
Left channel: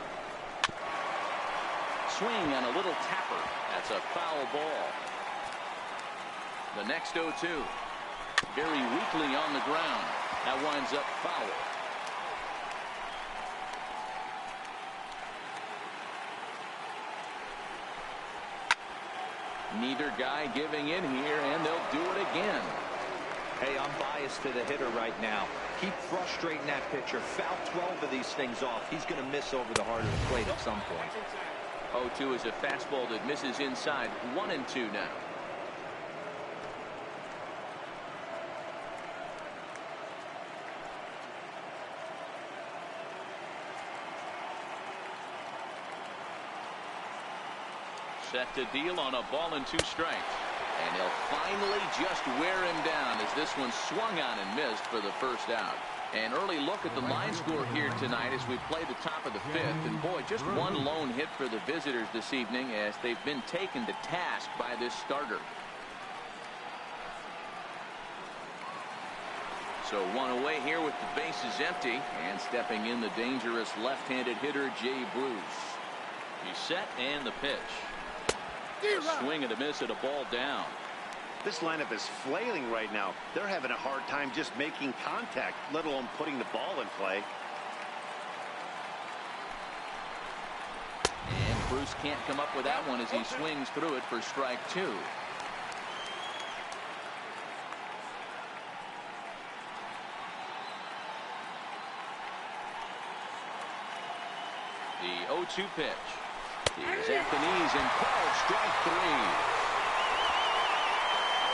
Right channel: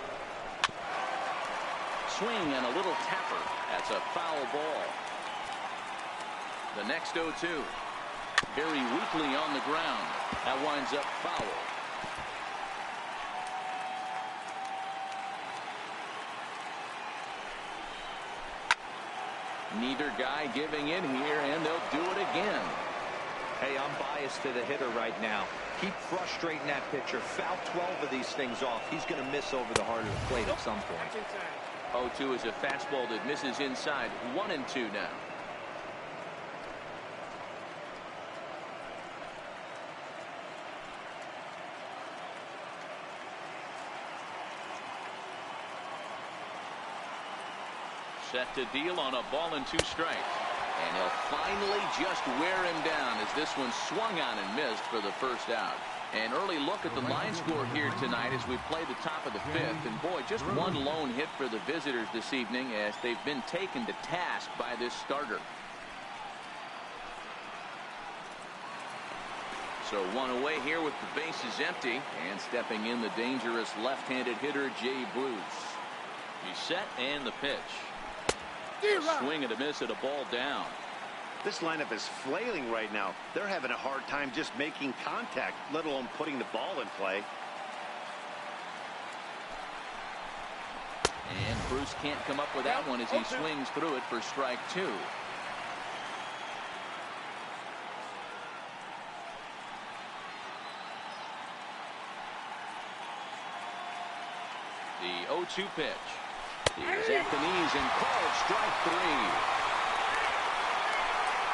Swing and a little tapper. That's a foul ball. The next 0-2. Very weakly on the ground. That winds up foul. Neither guy giving in here, and they'll do it again. Hey, I'm biased to the hitter right now. Keep frustrating that pitcher. Foul 12 of these things off. He's going to miss over the heart of the plate at some point. 0-2 is a fastball that misses inside. 1-2 now. Set to deal on a ball and 2 strikes. And he'll finally just wear him down as this one swung on and missed for the first out. An early look at the line score here tonight as we play the top of the 5th. And boy, just one lone hit for the visitors this evening as they've been taken to task by this starter. So one away here with the bases empty, and stepping in the dangerous left-handed hitter Jay Bruce. He's set, and the pitch. A swing and a miss at a ball down. This lineup is flailing right now. They're having a hard time just making contact, let alone putting the ball in play. And Bruce can't come up with that one as he swings through it for strike 2. The 0-2 pitch. He's at the knees and called strike 3.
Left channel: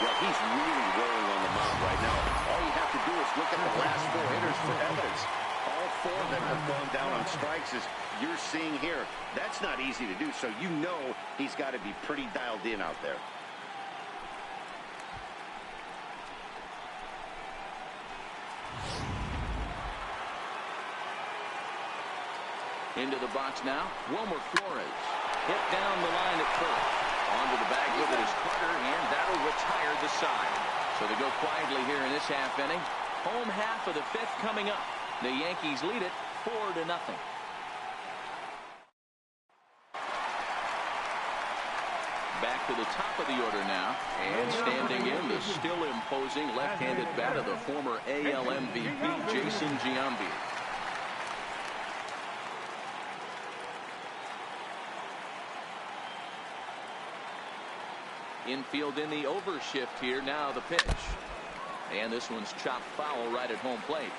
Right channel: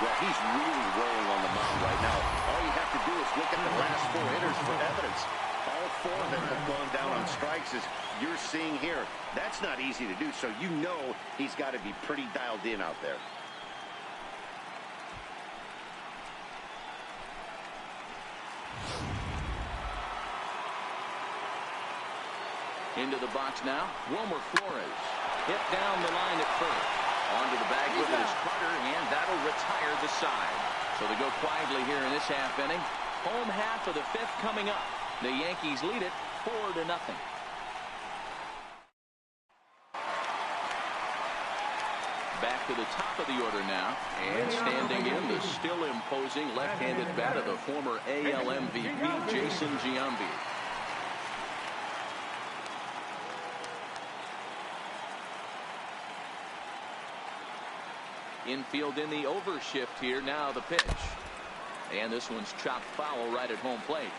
Well, he's really rolling on the mound right now. All you have to do is look at the last 4 hitters for evidence. All 4 of them have gone down on strikes, as you're seeing here. That's not easy to do, so you know he's got to be pretty dialed in out there. Into the box now, Wilmer Flores. Hit down the line at first. Onto the bag with it is Carter, and that'll retire the side. So they go quietly here in this half inning. Home half of the 5th coming up. The Yankees lead it 4-0. Back to the top of the order now, and standing in the still imposing left-handed bat of the former AL MVP, Jason Giambi. Infield in the overshift here. Now the pitch. And this one's chopped foul right at home plate.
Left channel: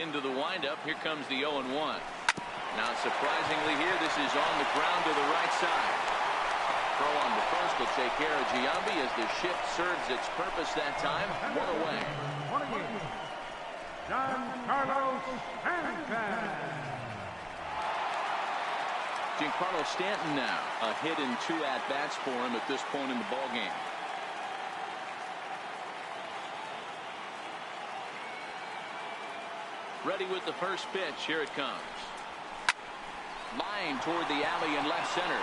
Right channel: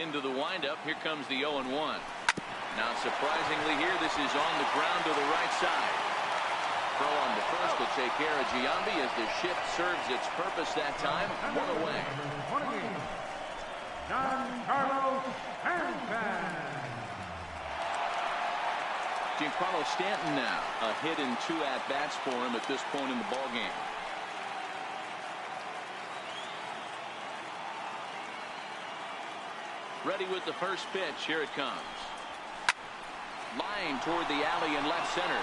Into the windup. Here comes the 0-1. Now surprisingly here, this is on the ground to the right side. Throw on to first will take care of Giambi as the shift serves its purpose that time. 1 away. Giancarlo Stanton. Giancarlo Stanton now. A hit in 2 at-bats for him at this point in the ballgame. Ready with the first pitch. Here it comes. Line toward the alley in left center.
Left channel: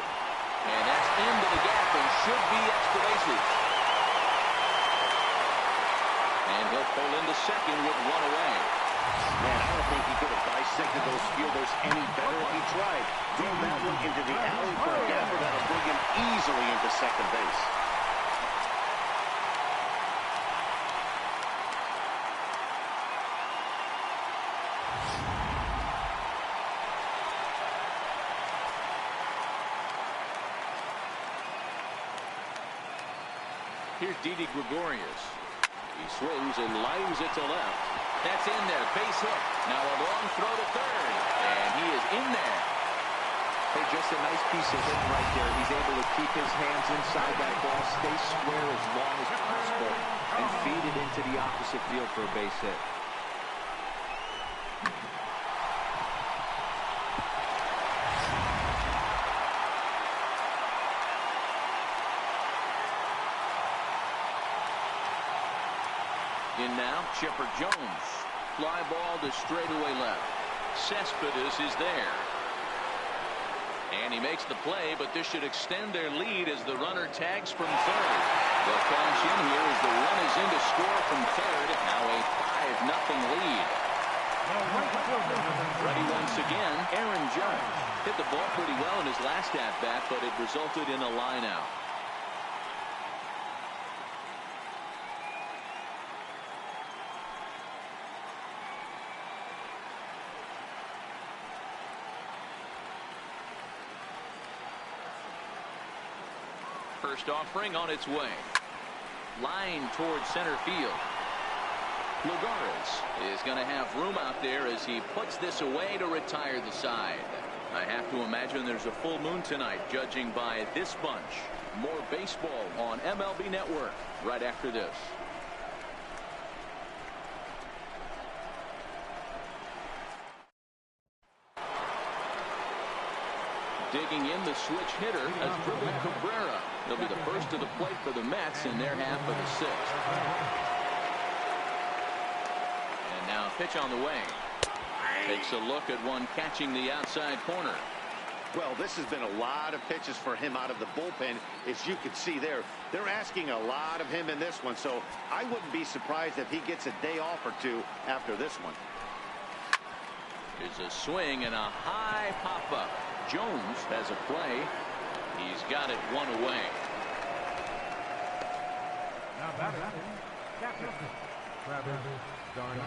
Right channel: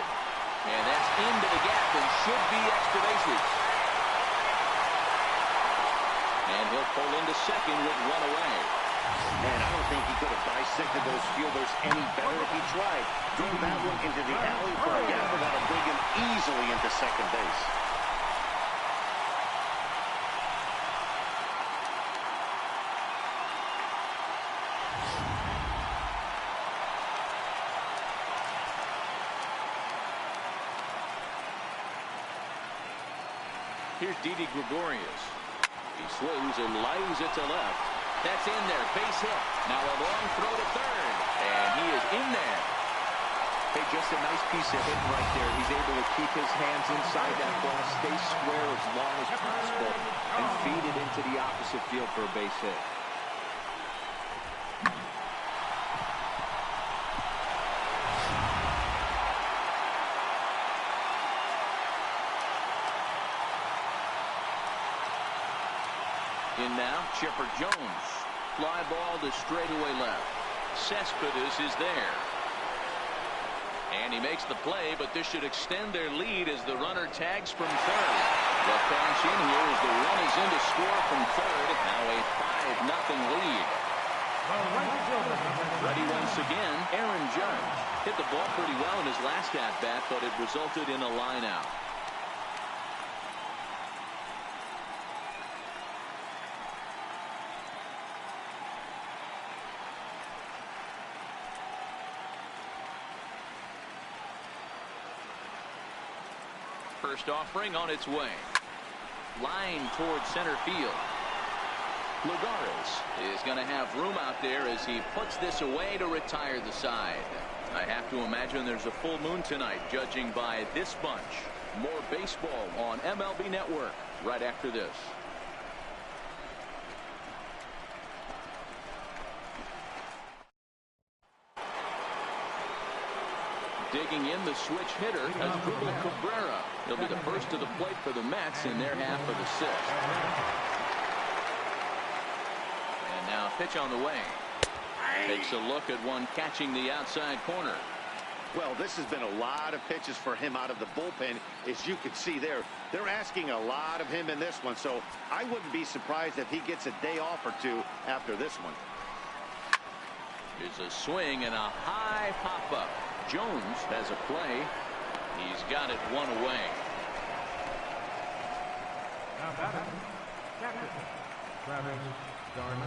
And that's into the gap and should be extra bases. And he'll pull into second with 1 away. Man, I don't think he could have dissected those fielders any better if he tried. Throw that one into the alley for a gapper that'll bring him easily into second base. Here's Didi Gregorius. He swings and lines it to left. That's in there. Base hit. Now a long throw to third. And he is in there. Hey, just a nice piece of hitting right there. He's able to keep his hands inside that ball, stay square as long as possible, and feed it into the opposite field for a base hit. In now, Chipper Jones. Fly ball to straightaway left. Cespedes is there. And he makes the play, but this should extend their lead as the runner tags from third. They'll cash in here as the run is in to score from third. Now a 5-0 lead. Ready once again, Aaron Judge. Hit the ball pretty well in his last at-bat, but it resulted in a line out. First offering on its way. Line towards center field. Lugares is going to have room out there as he puts this away to retire the side. I have to imagine there's a full moon tonight, judging by this bunch. More baseball on MLB Network right after this. Digging in, the switch hitter has dribbled Cabrera. He'll be the first to the plate for the Mets in their half of the sixth. And now a pitch on the way. Takes a look at one catching the outside corner. Well, this has been a lot of pitches for him out of the bullpen. As you can see there, they're asking a lot of him in this one. So I wouldn't be surprised if he gets a day off or two after this one. Here's a swing and a high pop-up. Jones has a play. He's got it one away. Now batter, captain Travis d'Arnaud.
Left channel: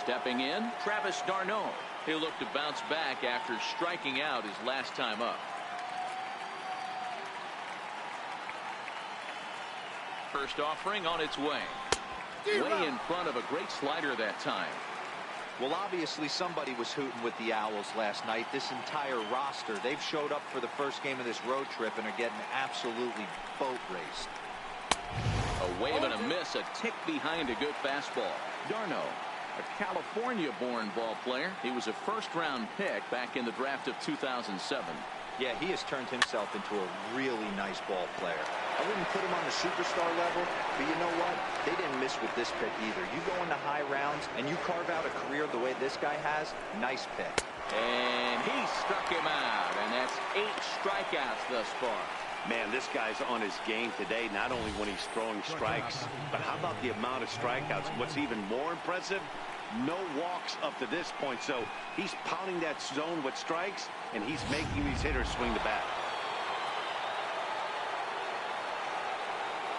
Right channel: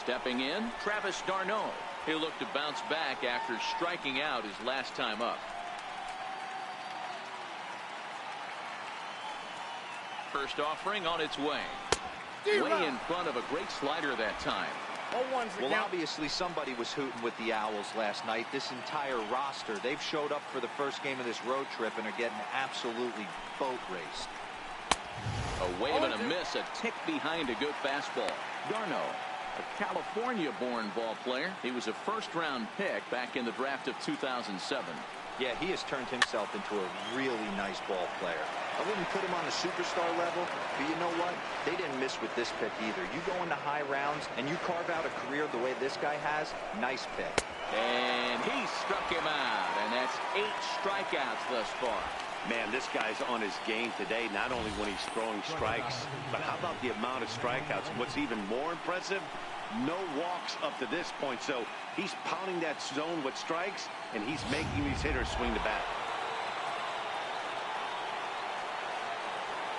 Stepping in, Travis d'Arnaud. He'll look to bounce back after striking out his last time up. First offering on its way. Way in front of a great slider that time. Well, obviously somebody was hooting with the Owls last night. This entire roster, they've showed up for the first game of this road trip and are getting absolutely boat raced. A wave and a miss, a tick behind a good fastball. d'Arnaud, a California-born ball player. He was a first-round pick back in the draft of 2007. Yeah, he has turned himself into a really nice ball player. I wouldn't put him on the superstar level, but you know what? They didn't miss with this pick either. You go into high rounds and you carve out a career the way this guy has, nice pick. And he struck him out, and that's 8 strikeouts thus far. Man, this guy's on his game today, not only when he's throwing strikes, but how about the amount of strikeouts? What's even more impressive, no walks up to this point. So he's pounding that zone with strikes, and he's making these hitters swing the bat.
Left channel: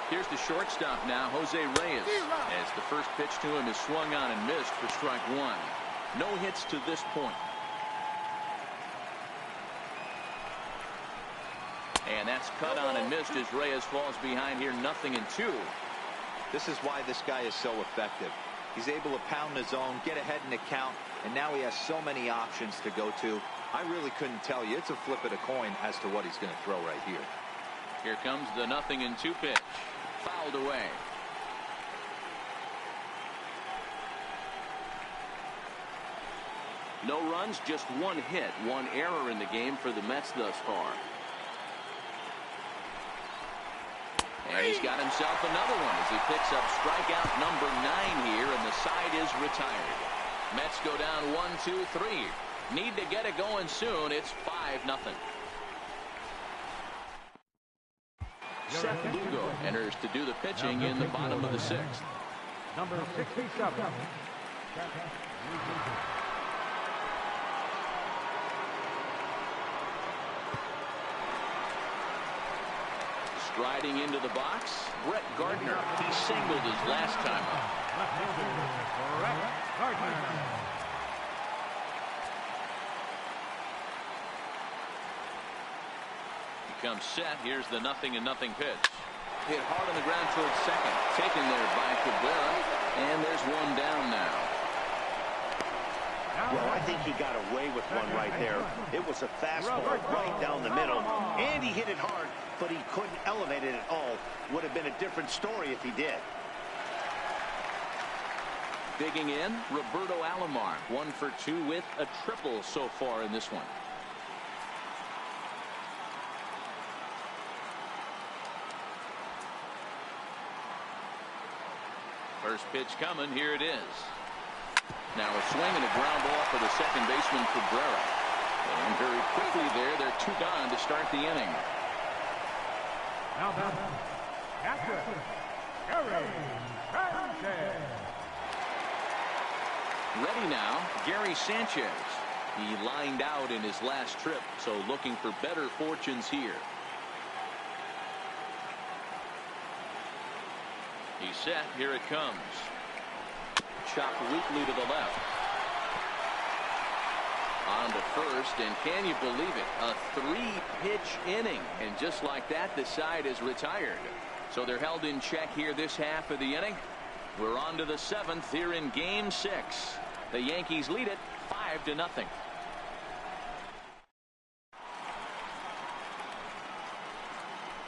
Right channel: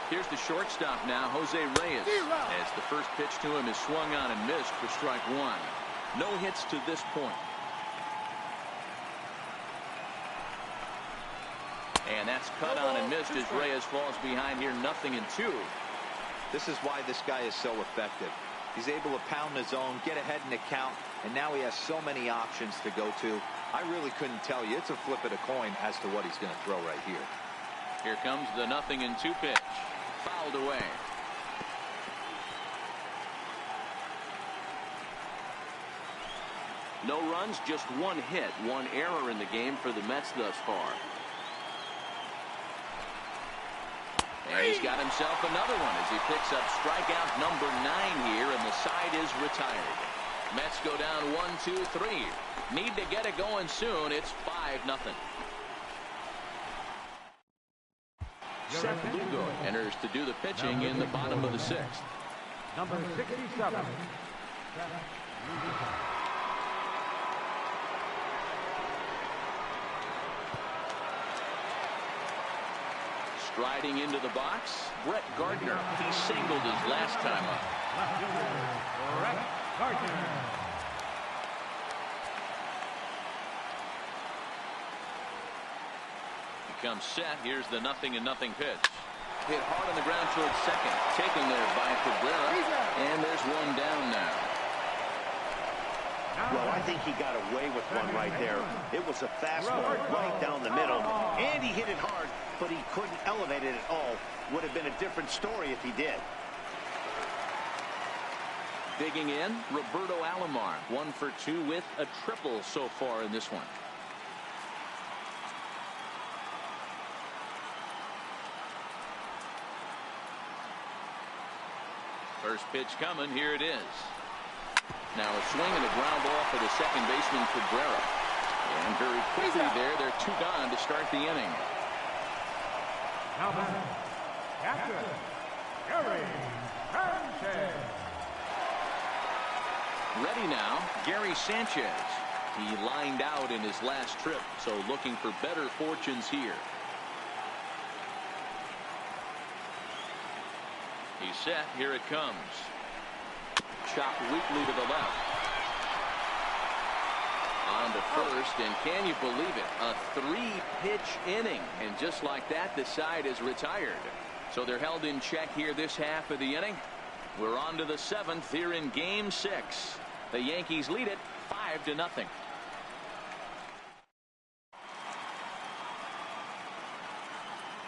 Here's the shortstop now, Jose Reyes, as the first pitch to him is swung on and missed for strike one. No hits to this point. And that's cut on and missed as Reyes falls behind here, 0-2. This is why this guy is so effective. He's able to pound the zone, get ahead in the count, and now he has so many options to go to. I really couldn't tell you. It's a flip of the coin as to what he's going to throw right here. Here comes the 0-2 pitch. Fouled away. No runs, just one hit, one error in the game for the Mets thus far. And he's got himself another one as he picks up strikeout number 9 here, and the side is retired. Mets go down 1-2-3. Need to get it going soon. It's 5-0. Seth Lugo enters to do the pitching in the bottom of the 6th. Number 67. Striding into the box, Brett Gardner. He singled his last time up. Left fielder, Brett Gardner. He comes set. Here's the 0-0 pitch. Hit hard on the ground towards second. Taken there by Cabrera. And there's one down now. Well, I think he got away with one right there. It was a fastball right down the middle, and he hit it hard, but he couldn't elevate it at all. Would have been a different story if he did. Digging in, Roberto Alomar, 1 for 2 with a triple so far in this one. First pitch coming. Here it is. Now a swing and a ground ball for the second baseman Cabrera. And very quickly there, they're 2 gone to start the inning. Now batting, catcher, Gary Sanchez. Ready now, Gary Sanchez. He lined out in his last trip, so looking for better fortunes here. He's set. Here it comes. Chopped weakly to the left. On to first, and can you believe it? A 3-pitch inning, and just like that, the side is retired. So they're held in check here this half of the inning. We're on to the 7th here in Game 6. The Yankees lead it 5-0.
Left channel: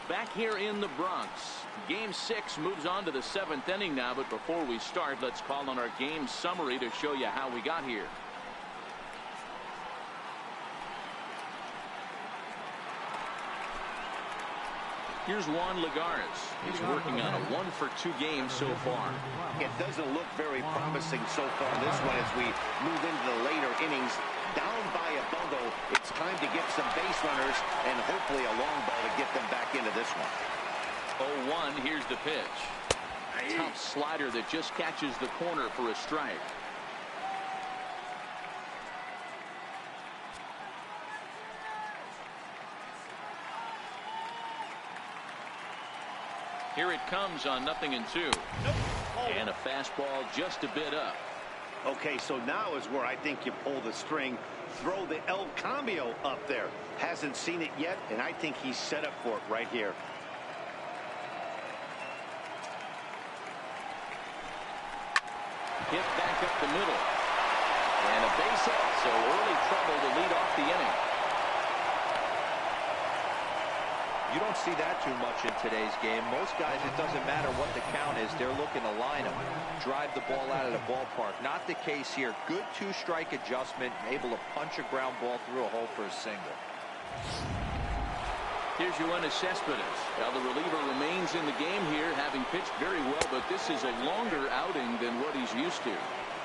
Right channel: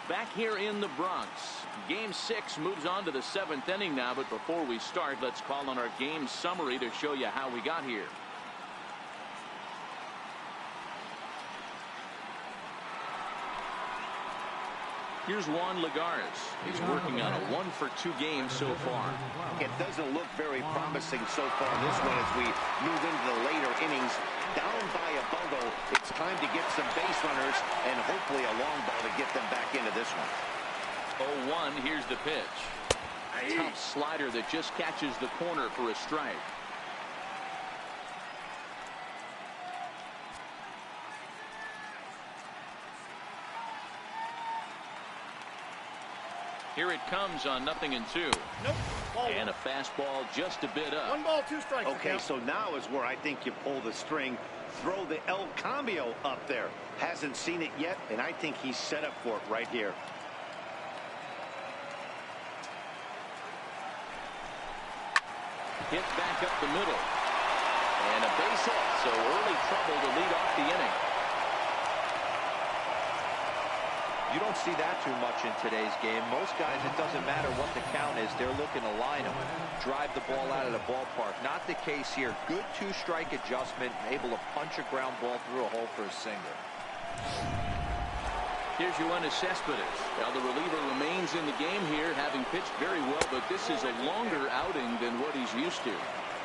Back here in the Bronx, Game 6 moves on to the 7th inning now, but before we start, let's call on our game summary to show you how we got here. Here's Juan Lagares. He's working on a 1-for-2 game so far. It doesn't look very promising so far this one as we move into the later innings. Down by a bundle, it's time to get some base runners and hopefully a long ball to get them back into this one. 0-1, here's the pitch. Tough slider that just catches the corner for a strike. Here it comes on 0-2. Nope. And a fastball just a bit up. 1 ball, 2 strikes. Okay, so now is where I think you pull the string, throw the El Cambio up there. Hasn't seen it yet, and I think he's set up for it right here. Hit back up the middle. And a base hit, so early trouble to lead off the inning. You don't see that too much in today's game. Most guys, it doesn't matter what the count is. They're looking to line them, drive the ball out of the ballpark. Not the case here. Good 2-strike adjustment, able to punch a ground ball through a hole for a single. Here's Yoenis Cespedes. Now the reliever remains in the game here, having pitched very well, but this is a longer outing than what he's used to.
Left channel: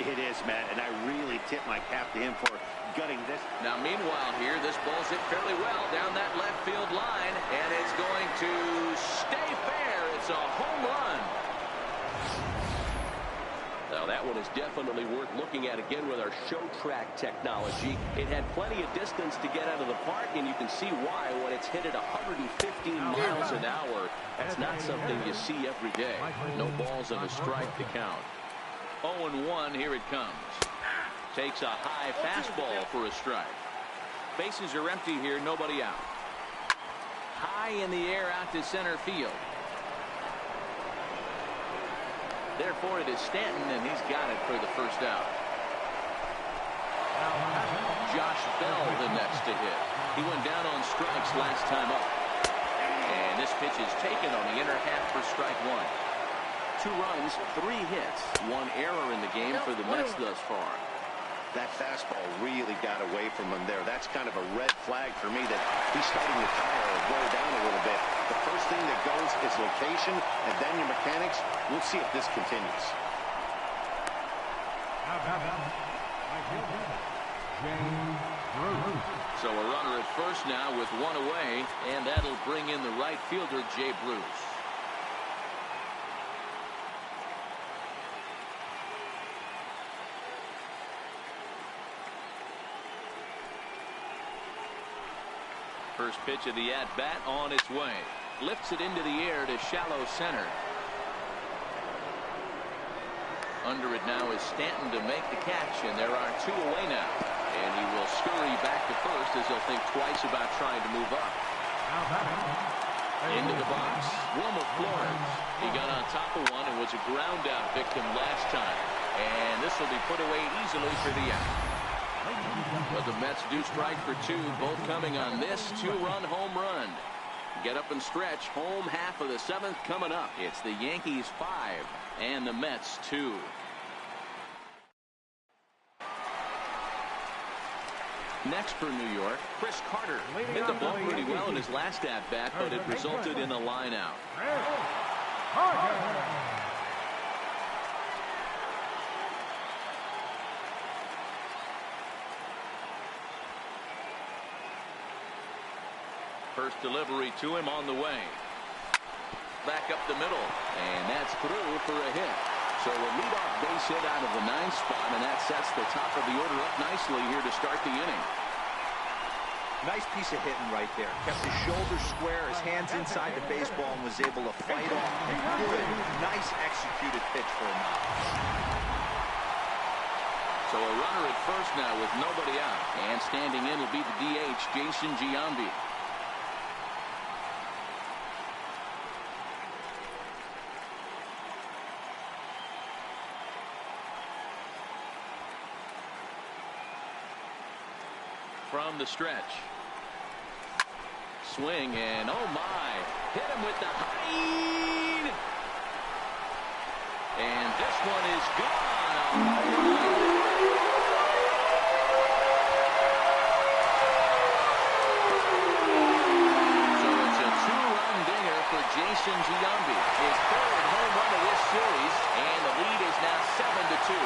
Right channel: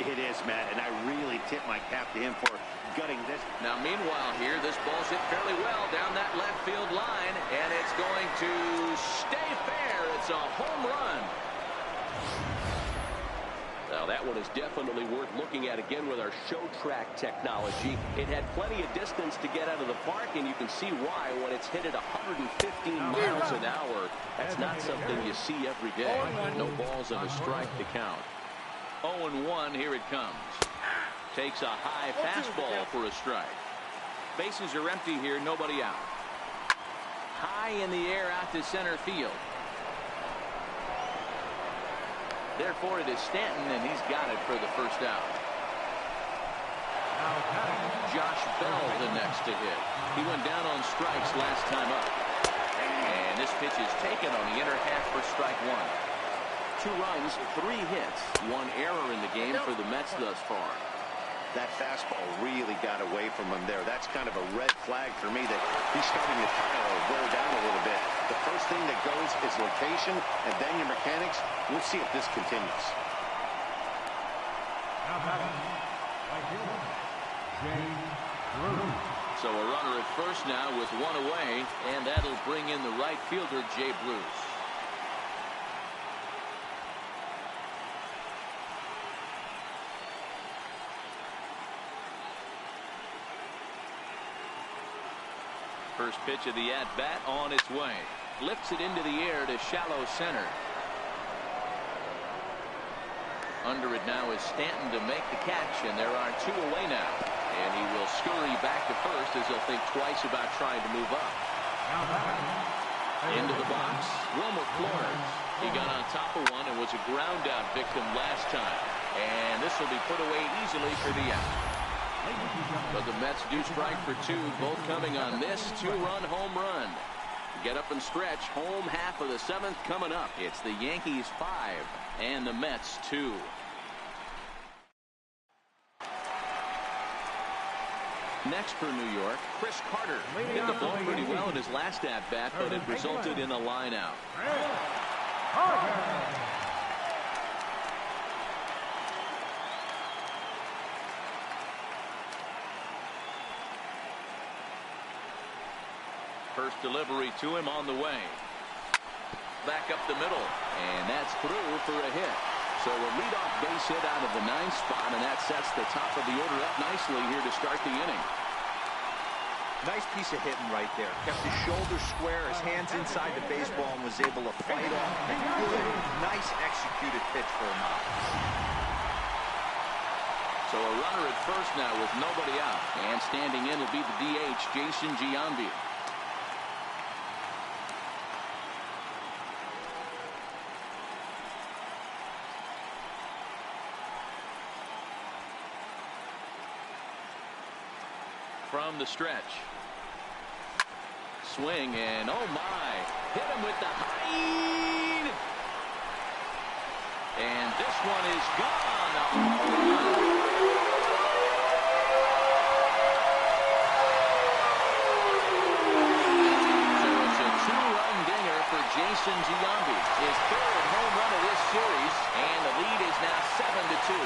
It is, Matt, and I really tip my cap to him for gutting this. Now meanwhile here, this ball's hit fairly well down that left field line, and it's going to stay fair. It's a home run. Now that one is definitely worth looking at again with our show track technology. It had plenty of distance to get out of the park, and you can see why when it's hit at 115 miles an hour. That's not something you see every day. No balls and a strike to count. 0-1, here it comes. Takes a high fastball for a strike. Bases are empty here, nobody out. High in the air out to center field. Therefore, it is Stanton, and he's got it for the first out. Josh Bell the next to hit. He went down on strikes last time up. And this pitch is taken on the inner half for strike 1. 2 runs, 3 hits, 1 error in the game for the Mets thus far. That fastball really got away from him there. That's kind of a red flag for me that he's starting to tire or wear down a little bit. The first thing that goes is location and then your mechanics. We'll see if this continues. Now batting, right fielder, James Bruce. So a runner at first now with 1 away, and that'll bring in the right fielder, Jay Bruce. First pitch of the at-bat on its way. Lifts it into the air to shallow center. Under it now is Stanton to make the catch, and there are 2 away now. And he will scurry back to first as he'll think twice about trying to move up. Now batting. Into the box, Wilmer Flores. He got on top of one and was a ground out victim last time. And this will be put away easily for the out. But the Mets do strike for 2, both coming on this 2-run home run. Get up and stretch. Home half of the 7th coming up. It's the Yankees 5 and the Mets 2. Next for New York, Chris Carter hit the ball pretty well in his last at-bat, but it resulted in a line out. Carter. First delivery to him on the way. back up the middle, and that's through for a hit. So a leadoff base hit out of the 9th spot, and that sets the top of the order up nicely here to start the inning. Nice piece of hitting right there. Kept his shoulders square, his hands inside the baseball, and was able to fight off a good, nice executed pitch for a knock. So a runner at first now with nobody out. And standing in will be the DH, Jason Giambi. From the stretch. Swing, and oh my. Hit him with the height. And this one is gone. A home run. So it's a 2-run dinger for Jason Giambi. His 3rd home run of this series, and the lead is now 7-2.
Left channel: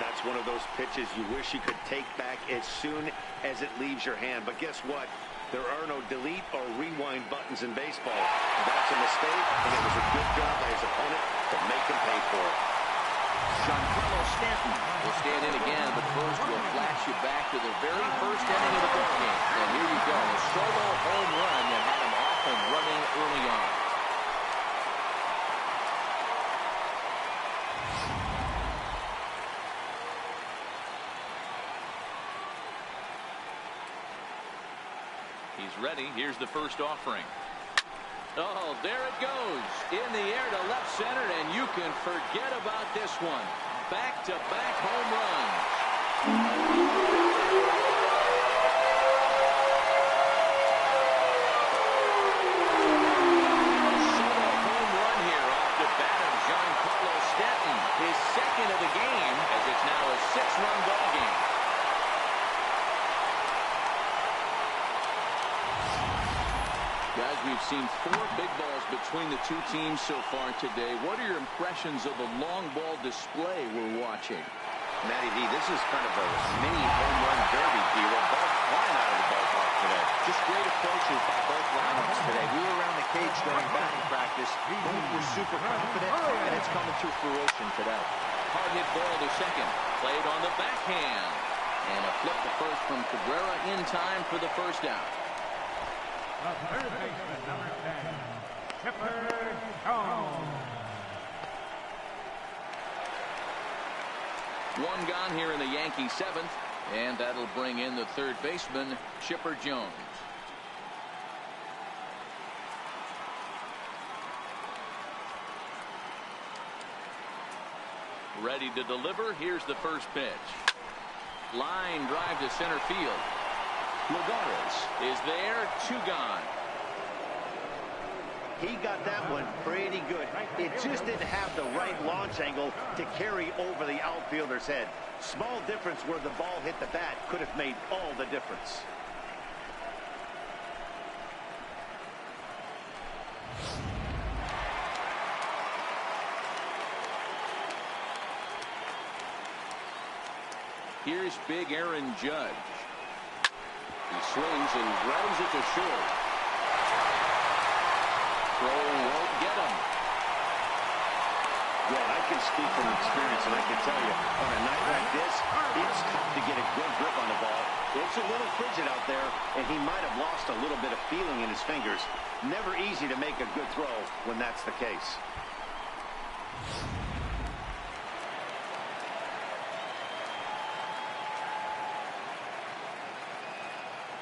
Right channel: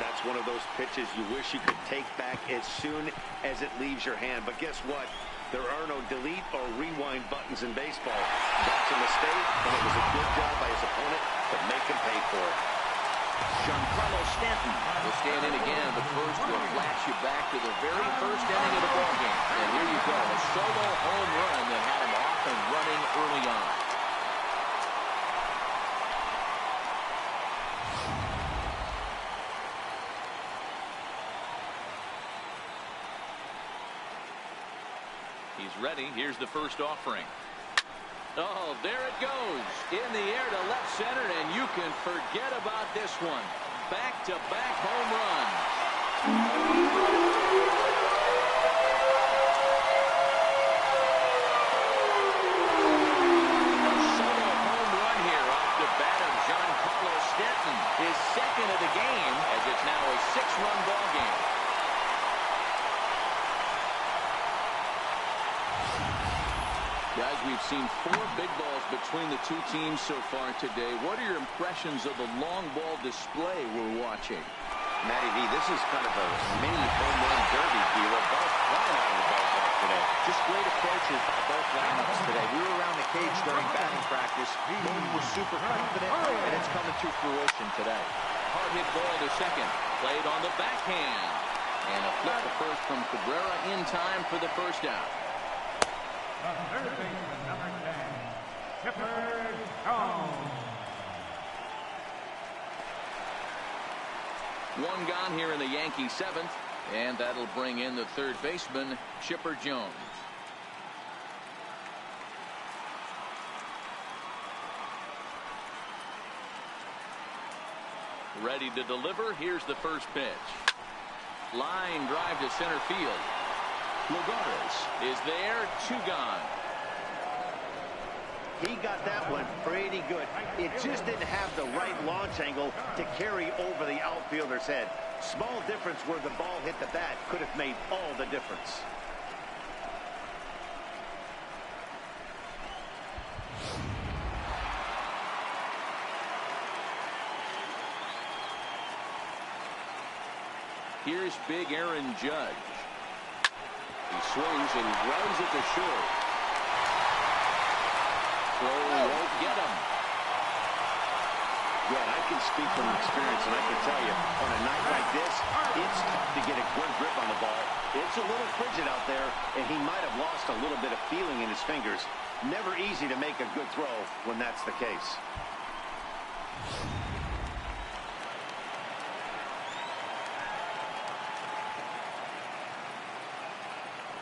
That's one of those pitches you wish you could take back as soon as it leaves your hand. But guess what? There are no delete or rewind buttons in baseball. That's a mistake, and it was a good job by his opponent to make him pay for it. Giancarlo Stanton will stand in again, but first we'll flash you back to the very first inning of the ballgame. And here you go, a solo home run that had him off and running early on. He's ready. Here's the first offering. Oh, there it goes. In the air to left center, and you can forget about this one. Back-to-back home runs. A solo home run here off the bat of Giancarlo Stanton. His 2nd of the game, as it's now a 6-run ball game. Guys, we've seen 4 big balls between the two teams so far today. What are your impressions of the long ball display we're watching? Matty V, this is kind of a mini home run derby deal. Both flying out of the ballpark today. Just great approaches by both lineups today. We were around the cage during batting practice. Both were super confident, and it's coming to fruition today. Hard hit ball to second. Played on the backhand. And a flip to first from Cabrera in time for the first out. The third baseman, number 10, Chipper Jones. 1 gone here in the Yankee 7th, and that'll bring in the third baseman, Chipper Jones. Ready to deliver. Here's the first pitch. Line drive to center field. Lagares is there. 2 gone. He got that one pretty good. It just didn't have the right launch angle to carry over the outfielder's head. Small difference where the ball hit the bat could have made all the difference. Here's big Aaron Judge. He swings and grounds it to short. Throw won't get him. Yeah, and I can speak from experience, and I can tell you, on a night like this, it's tough to get a good grip on the ball. It's a little frigid out there, and he might have lost a little bit of feeling in his fingers. Never easy to make a good throw when that's the case.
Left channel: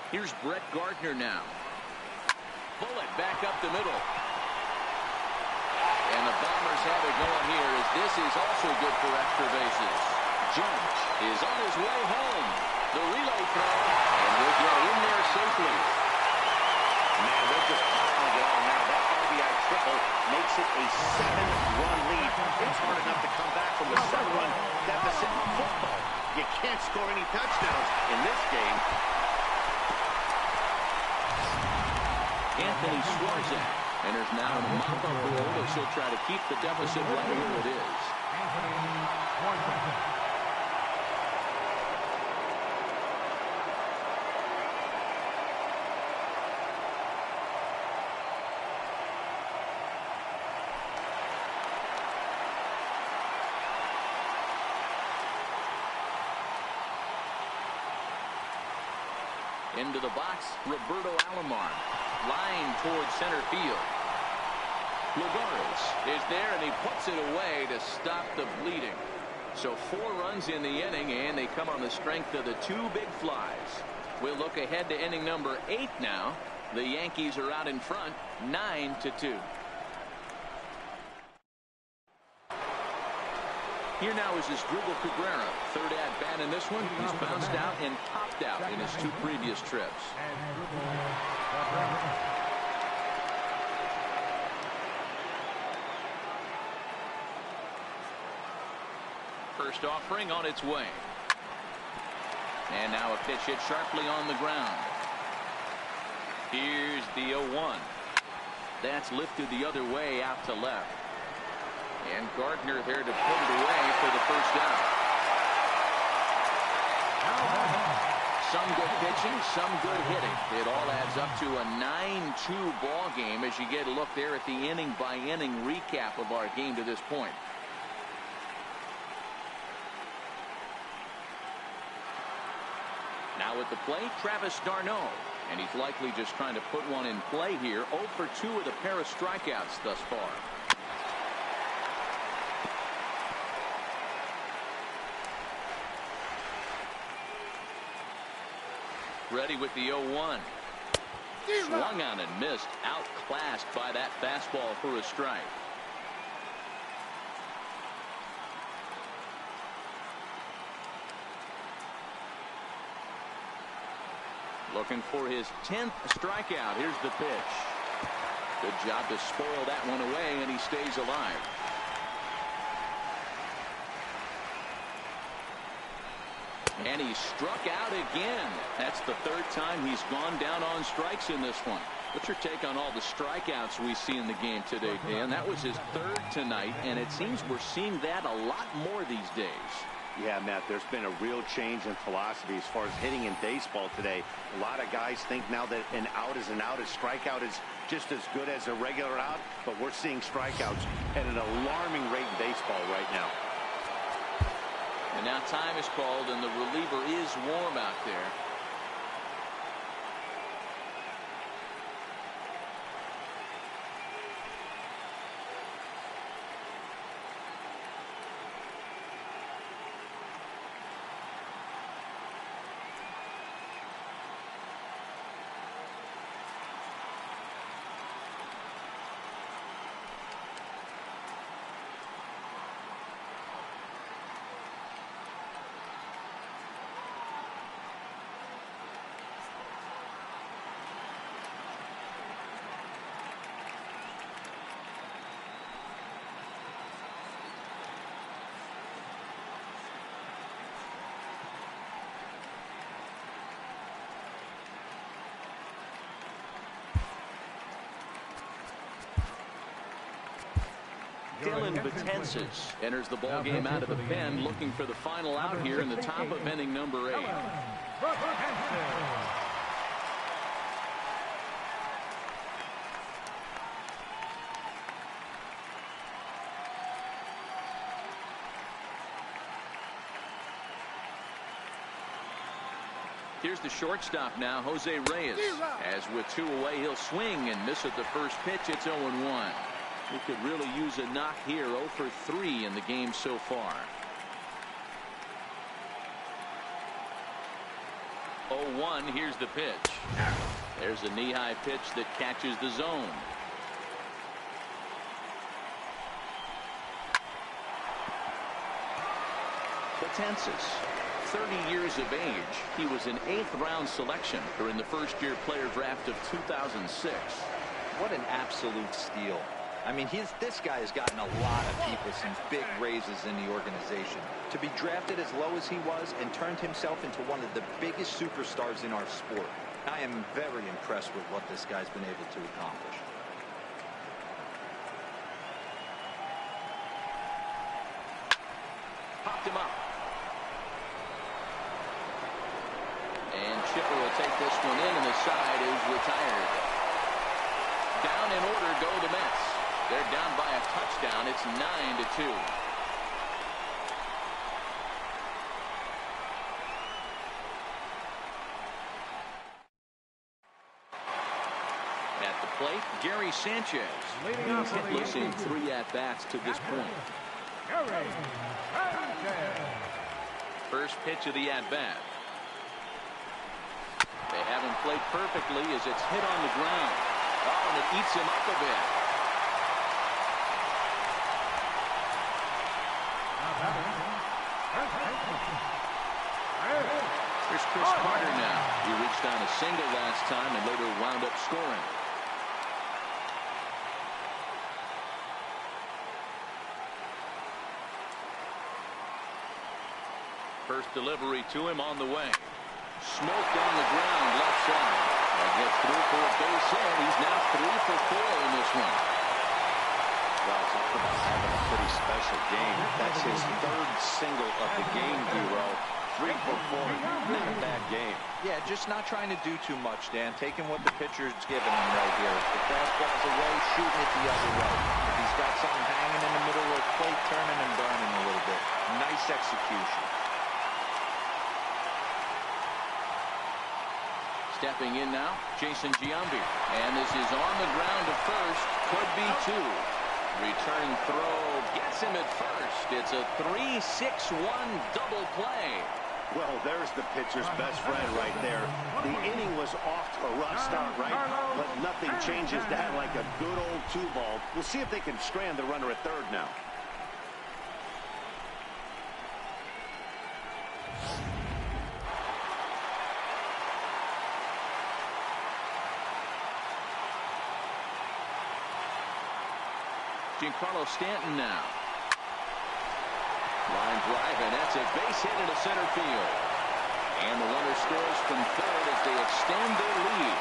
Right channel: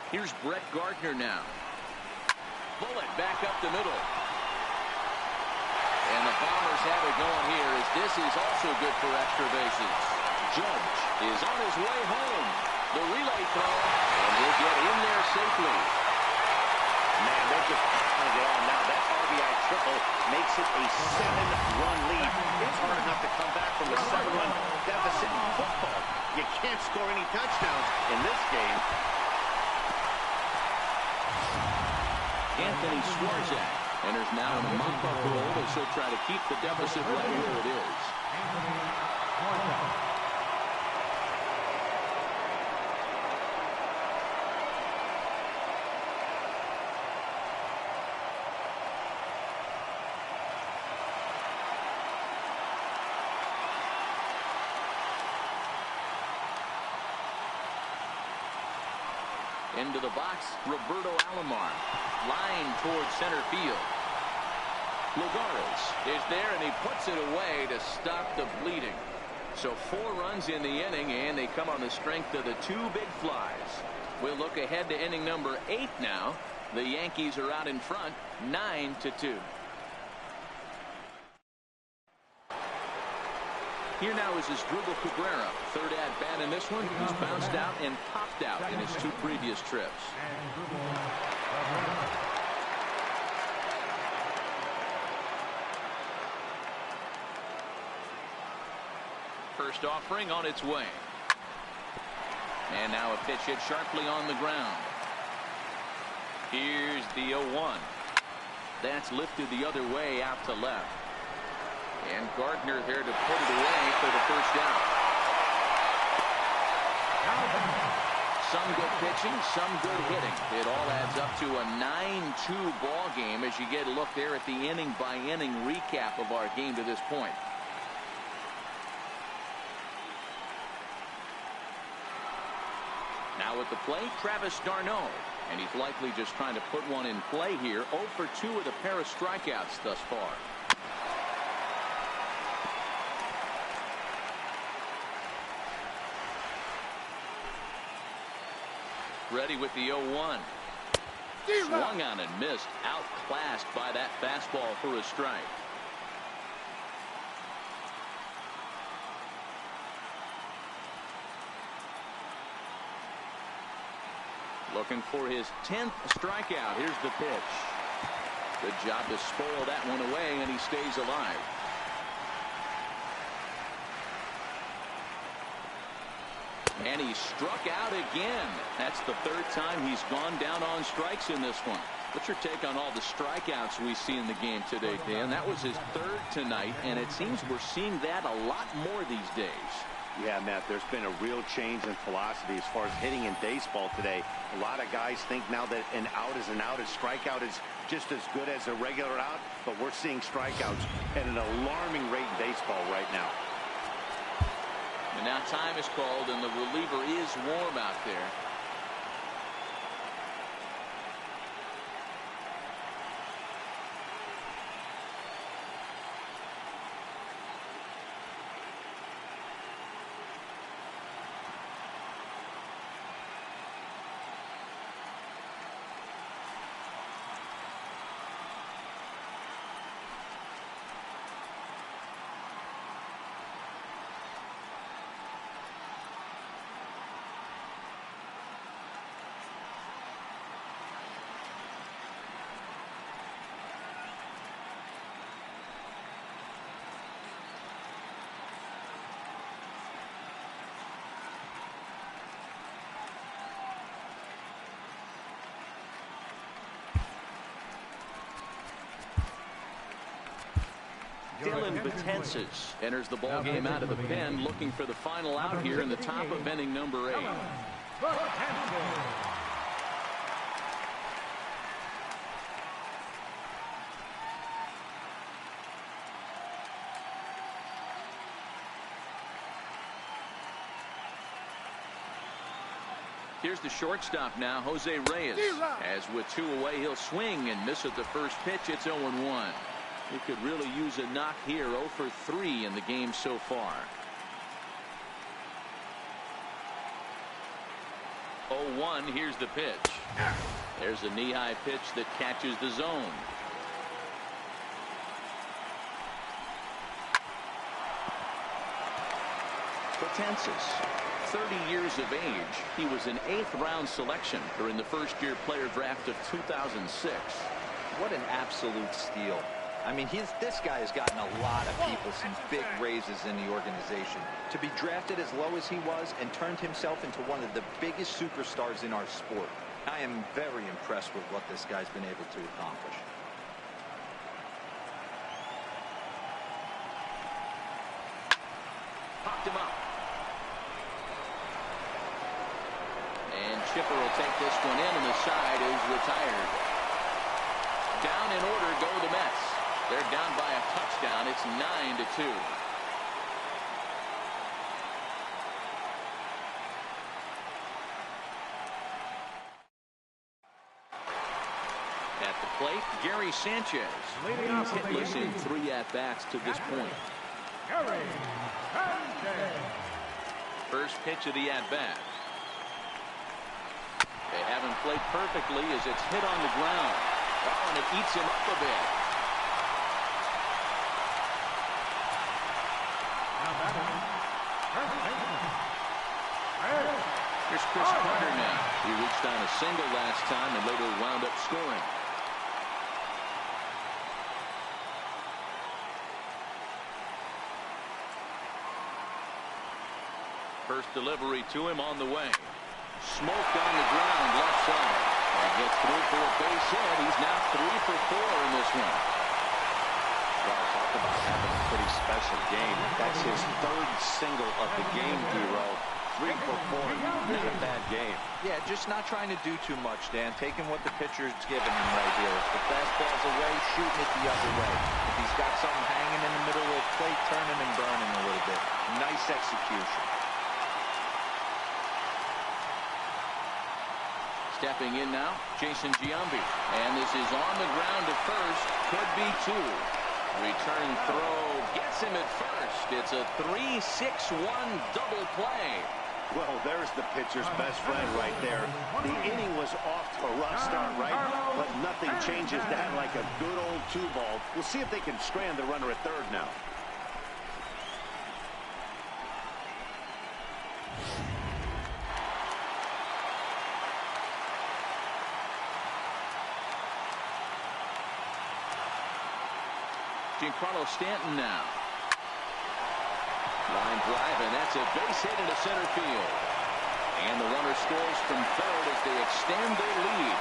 Here's Brett Gardner now. Bullet back up the middle. And the Bombers have it going here as this is also good for extra bases. Judge is on his way home. The relay throw, and he'll get in there safely. Man, they're just piling it on now. That RBI triple makes it a 7-run lead. It's hard enough to come back from a 7-run deficit in football. You can't score any touchdowns in this game. Anthony Swarzak enters now in a mop-up role as he'll try to keep the deficit right where it is. Anthony Swarzak. Into the box, Roberto Alomar. Line towards center field. Lagares is there, and he puts it away to stop the bleeding. So 4 runs in the inning, and they come on the strength of the 2 big flies. We'll look ahead to inning number 8 now. The Yankees are out in front, 9-2. Here now is Asdrubal Cabrera. 3rd at bat in this one. He's bounced out and popped out in his 2 previous trips. First offering on its way. And now a pitch hit sharply on the ground. Here's the 0-1. That's lifted the other way out to left. And Gardner there to put it away for the first out. Some good pitching, some good hitting. It all adds up to a 9-2 ball game as you get a look there at the inning by inning recap of our game to this point. Now at the plate, Travis d'Arnaud. And he's likely just trying to put one in play here. 0 for 2 with a pair of strikeouts thus far. Ready with the 0-1. Swung on and missed. Outclassed by that fastball for a strike. Looking for his 10th strikeout. Here's the pitch. Good job to spoil that one away, and he stays alive. And he struck out again. That's the 3rd time he's gone down on strikes in this one. What's your take on all the strikeouts we see in the game today, Dan? That was his 3rd tonight, and it seems we're seeing that a lot more these days. Yeah, Matt, there's been a real change in philosophy as far as hitting in baseball today. A lot of guys think now that an out is an out. A strikeout is just as good as a regular out, but we're seeing strikeouts at an alarming rate in baseball right now. And now time is called, and the reliever is warm out there. Dylan Betances enters the ball game out of the pen, looking for the final out here in the top of inning number 8. Here's the shortstop now, Jose Reyes. As with 2 away, he'll swing and miss at the first pitch. It's 0-1. He could really use a knock here. 0 for 3 in the game so far. 0-1. Here's the pitch. There's a knee-high pitch that catches the zone. Betances, 30 years of age. He was an 8th round selection during the first-year player draft of 2006. What an absolute steal. I mean, this guy has gotten a lot of people some big raises in the organization. To be drafted as low as he was and turned himself into one of the biggest superstars in our sport. I am very impressed with what this guy's been able to accomplish. Popped him up. And Chipper will take this one in, and the side is retired. Down in order go the Mets. They're down by a touchdown. It's 9-2. At the plate, Gary Sanchez. Leading off for the Hitless in Yankees. 3 at-bats to this point. Gary Sanchez. First pitch of the at-bat. They haven't played perfectly as it's hit on the ground. Oh, and it eats him up a bit. Now batting, first baseman. Here's Chris Carter now. He reached on a single last time and later wound up scoring. First delivery to him on the way. Smoked on the ground left side. That gets through for a base hit. He's now 3 for 4 in this one. Well, talk about having a pretty special game. That's his 3rd single of the game, D-Row. 3 for 4. Not a bad game. Yeah, just not trying to do too much, Dan. Taking what the pitcher's giving him right here. If the fastball's away, shooting it the other way. If he's got something hanging in the middle of the plate, turning and burning a little bit. Nice execution. Stepping in now, Jason Giambi. And this is on the ground to first. Could be 2. Return throw gets him at first. It's a 3-6-1 double play. Well, there's the pitcher's best friend right there. The inning was off to a rough start, right? But nothing changes that like a good old 2-ball. We'll see if they can strand the runner at third now. Giancarlo Stanton now. Line drive, and that's a base hit into center field. And the runner scores from third as they extend their lead.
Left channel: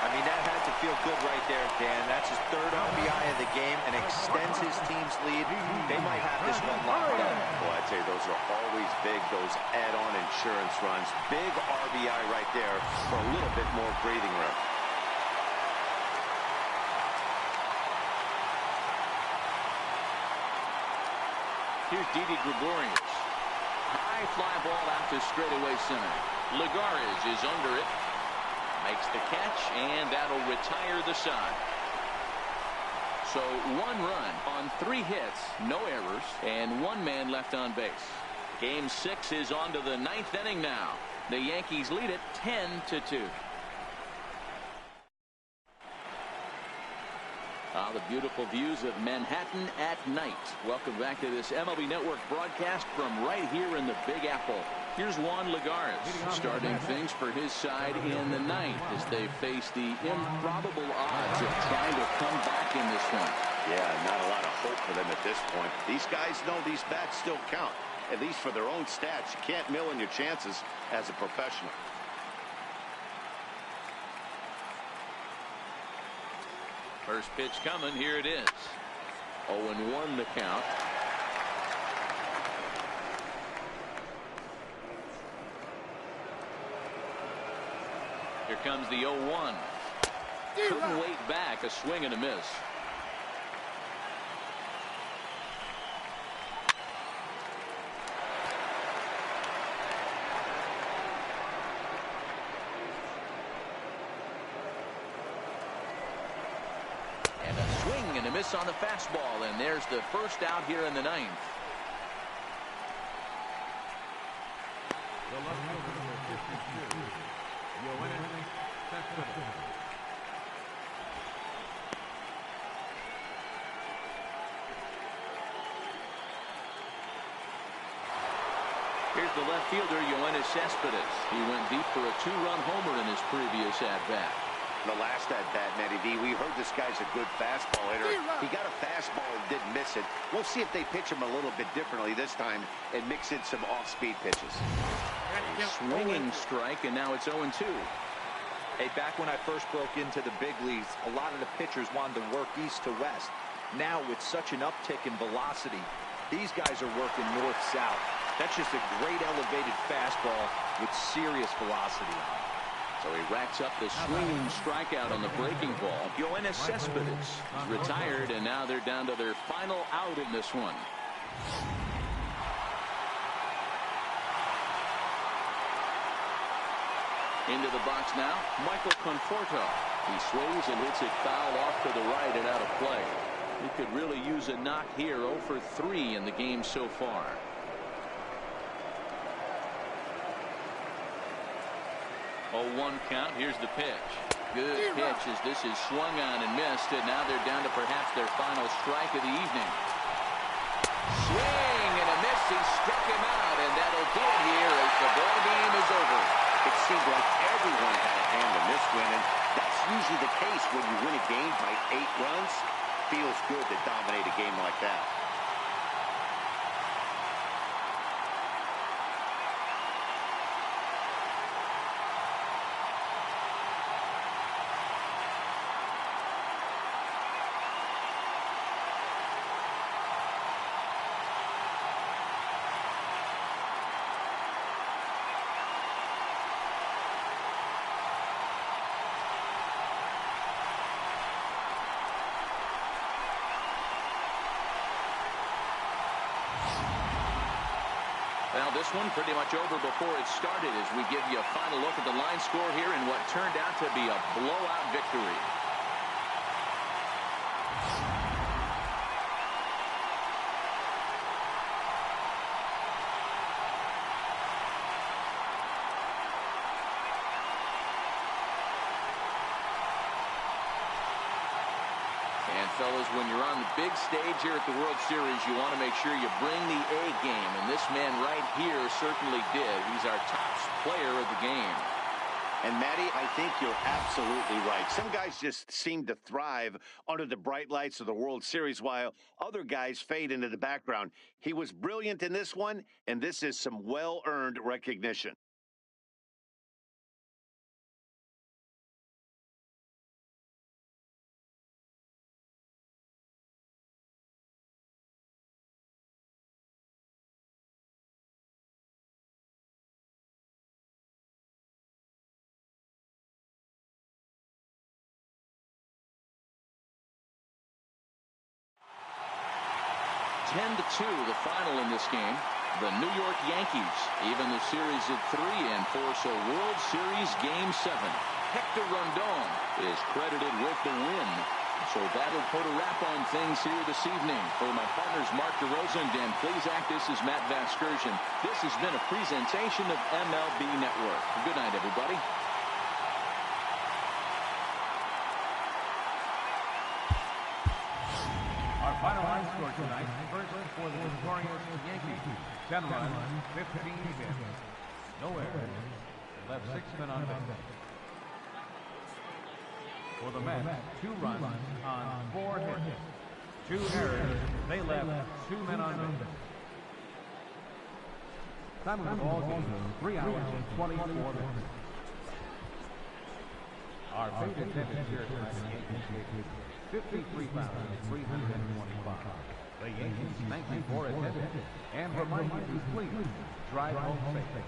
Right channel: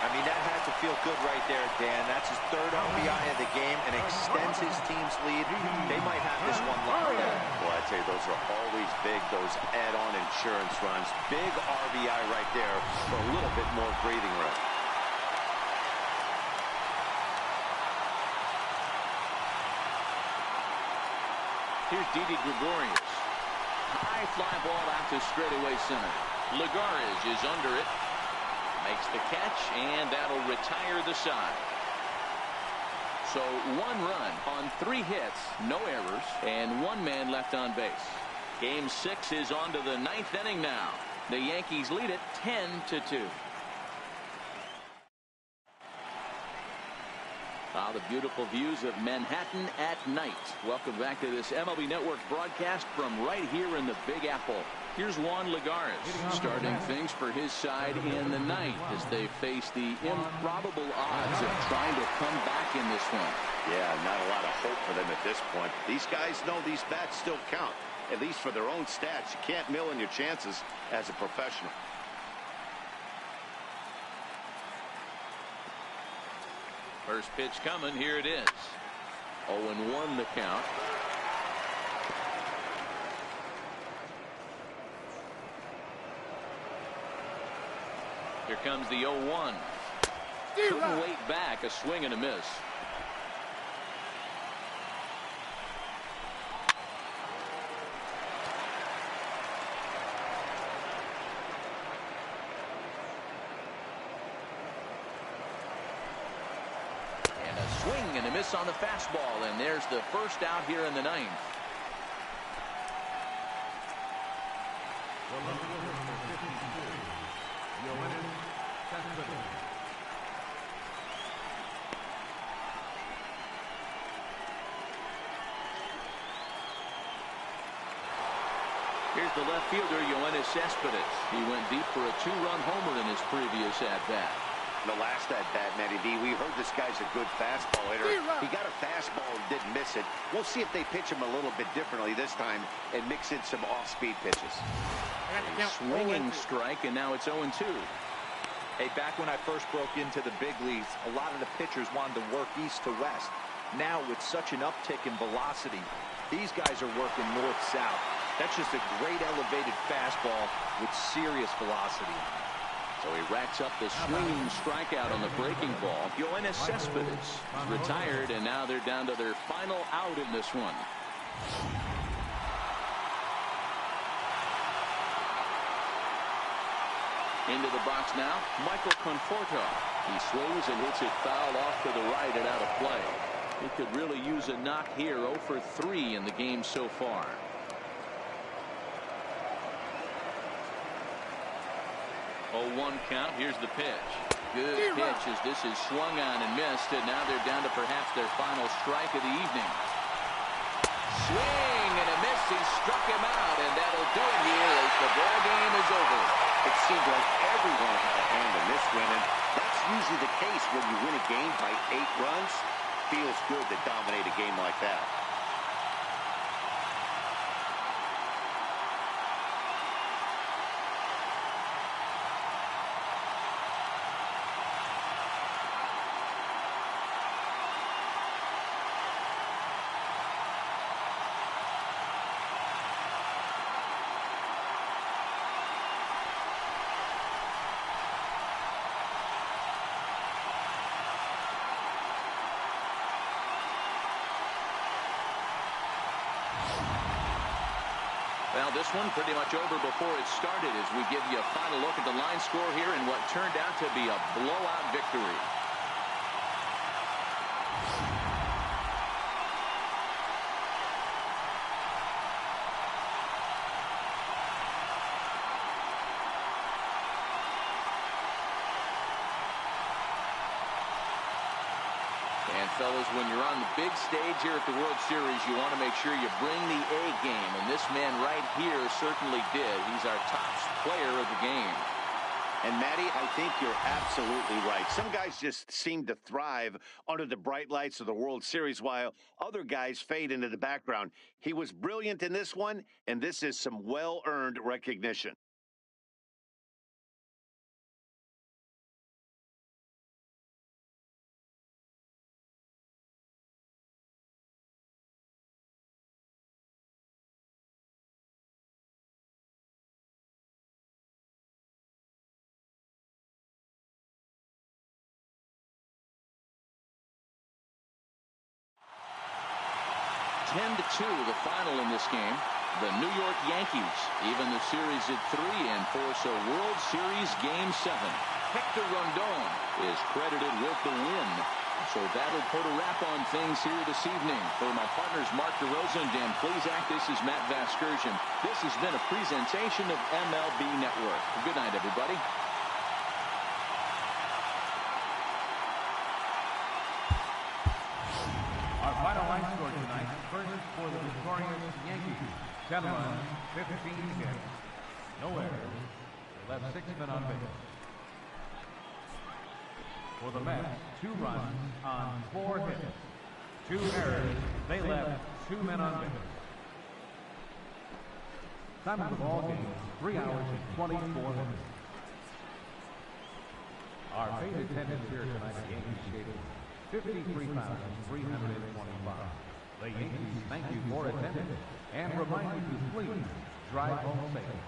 I mean, that had to feel good right there, Dan. That's his 3rd RBI of the game and extends his team's lead. They might have this one locked up. Well, I tell you, those are always big, those add-on insurance runs. Big RBI right there for a little bit more breathing room. Here's Didi Gregorius. High fly ball out to straightaway center. Lagares is under it. Makes the catch, and that'll retire the side. So 1 run on 3 hits, no errors, and 1 man left on base. Game 6 is on to the 9th inning now. The Yankees lead it 10-2. The beautiful views of Manhattan at night. Welcome back to this MLB Network broadcast from right here in the Big Apple. Here's Juan Lagares starting things for his side in the 9th as they face the improbable odds of trying to come back in this one. Yeah, not a lot of hope for them at this point. These guys know these bats still count, at least for their own stats. You can't mill in your chances as a professional. First pitch coming. Here it is. 0-1 the count. Here comes the 0-1. Couldn't wait back. A swing and a miss. And a swing and a miss on the fastball, and there's the first out here in the 9th. The left fielder, number 52, Cespedes. Here's the left fielder, Cespedes. He went deep for a 2-run homer in his previous at-bat. The last at-bat, Matty V, we heard this guy's a good fastball hitter. He got a fastball and didn't miss it. We'll see if they pitch him a little bit differently this time and mix in some off-speed pitches. A swinging strike, and now it's 0-2. Hey, back when I first broke into the big leagues, a lot of the pitchers wanted to work east to west. Now, with such an uptick in velocity, these guys are working north-south. That's just a great elevated fastball with serious velocity on it. So he racks up the swinging strikeout on the breaking ball. Cespedes is retired, and now they're down to their final out in this one. Into the box now, Michael Conforto. He swings and hits it foul off to the right and out of play. He could really use a knock here. 0 for 3 in the game so far. 0-1 count. Here's the pitch. Good pitch as this is swung on and missed, and now they're down to perhaps their final strike of the evening. Swing and a miss. He struck him out, and that'll do it here as the ball game is over. It seemed like everyone had a hand in this win, and that's usually the case when you win a game by 8 runs. Feels good to dominate a game like that. Well, this one pretty much over before it started as we give you a final look at the line score here in what turned out to be a blowout victory. And fellas, when you're on the big stage here at the World Series, you want to make sure you bring the A game. And this man right here certainly did. He's our top player of the game. And Matty, I think you're absolutely right. Some guys just seem to thrive under the bright lights of the World Series while other guys fade into the background. He was brilliant in this one, and this is some well-earned recognition. Ten to 2, the final in this game. The New York Yankees even the series at 3 and 4. So World Series Game 7. Hector Rondon is credited with the win. So that'll put a wrap on things here this evening. For my partners Mark DeRosa and Dan Plesac, this is Matt Vasgersian. This has been a presentation of MLB Network. Good night, everybody. Our final line score tonight, first for the victorious Yankees, 10 runs, 15 hits, no errors. They left 6 men on base. For the Mets, 2 runs on 4 hits, 2 errors. They left 2 men on base. Time of the ball game, 3 hours and 24 minutes. Our paid attendance here tonight at Yankee Stadium, 53,325. The Yankees thank you for attending and remind you to please drive home safely.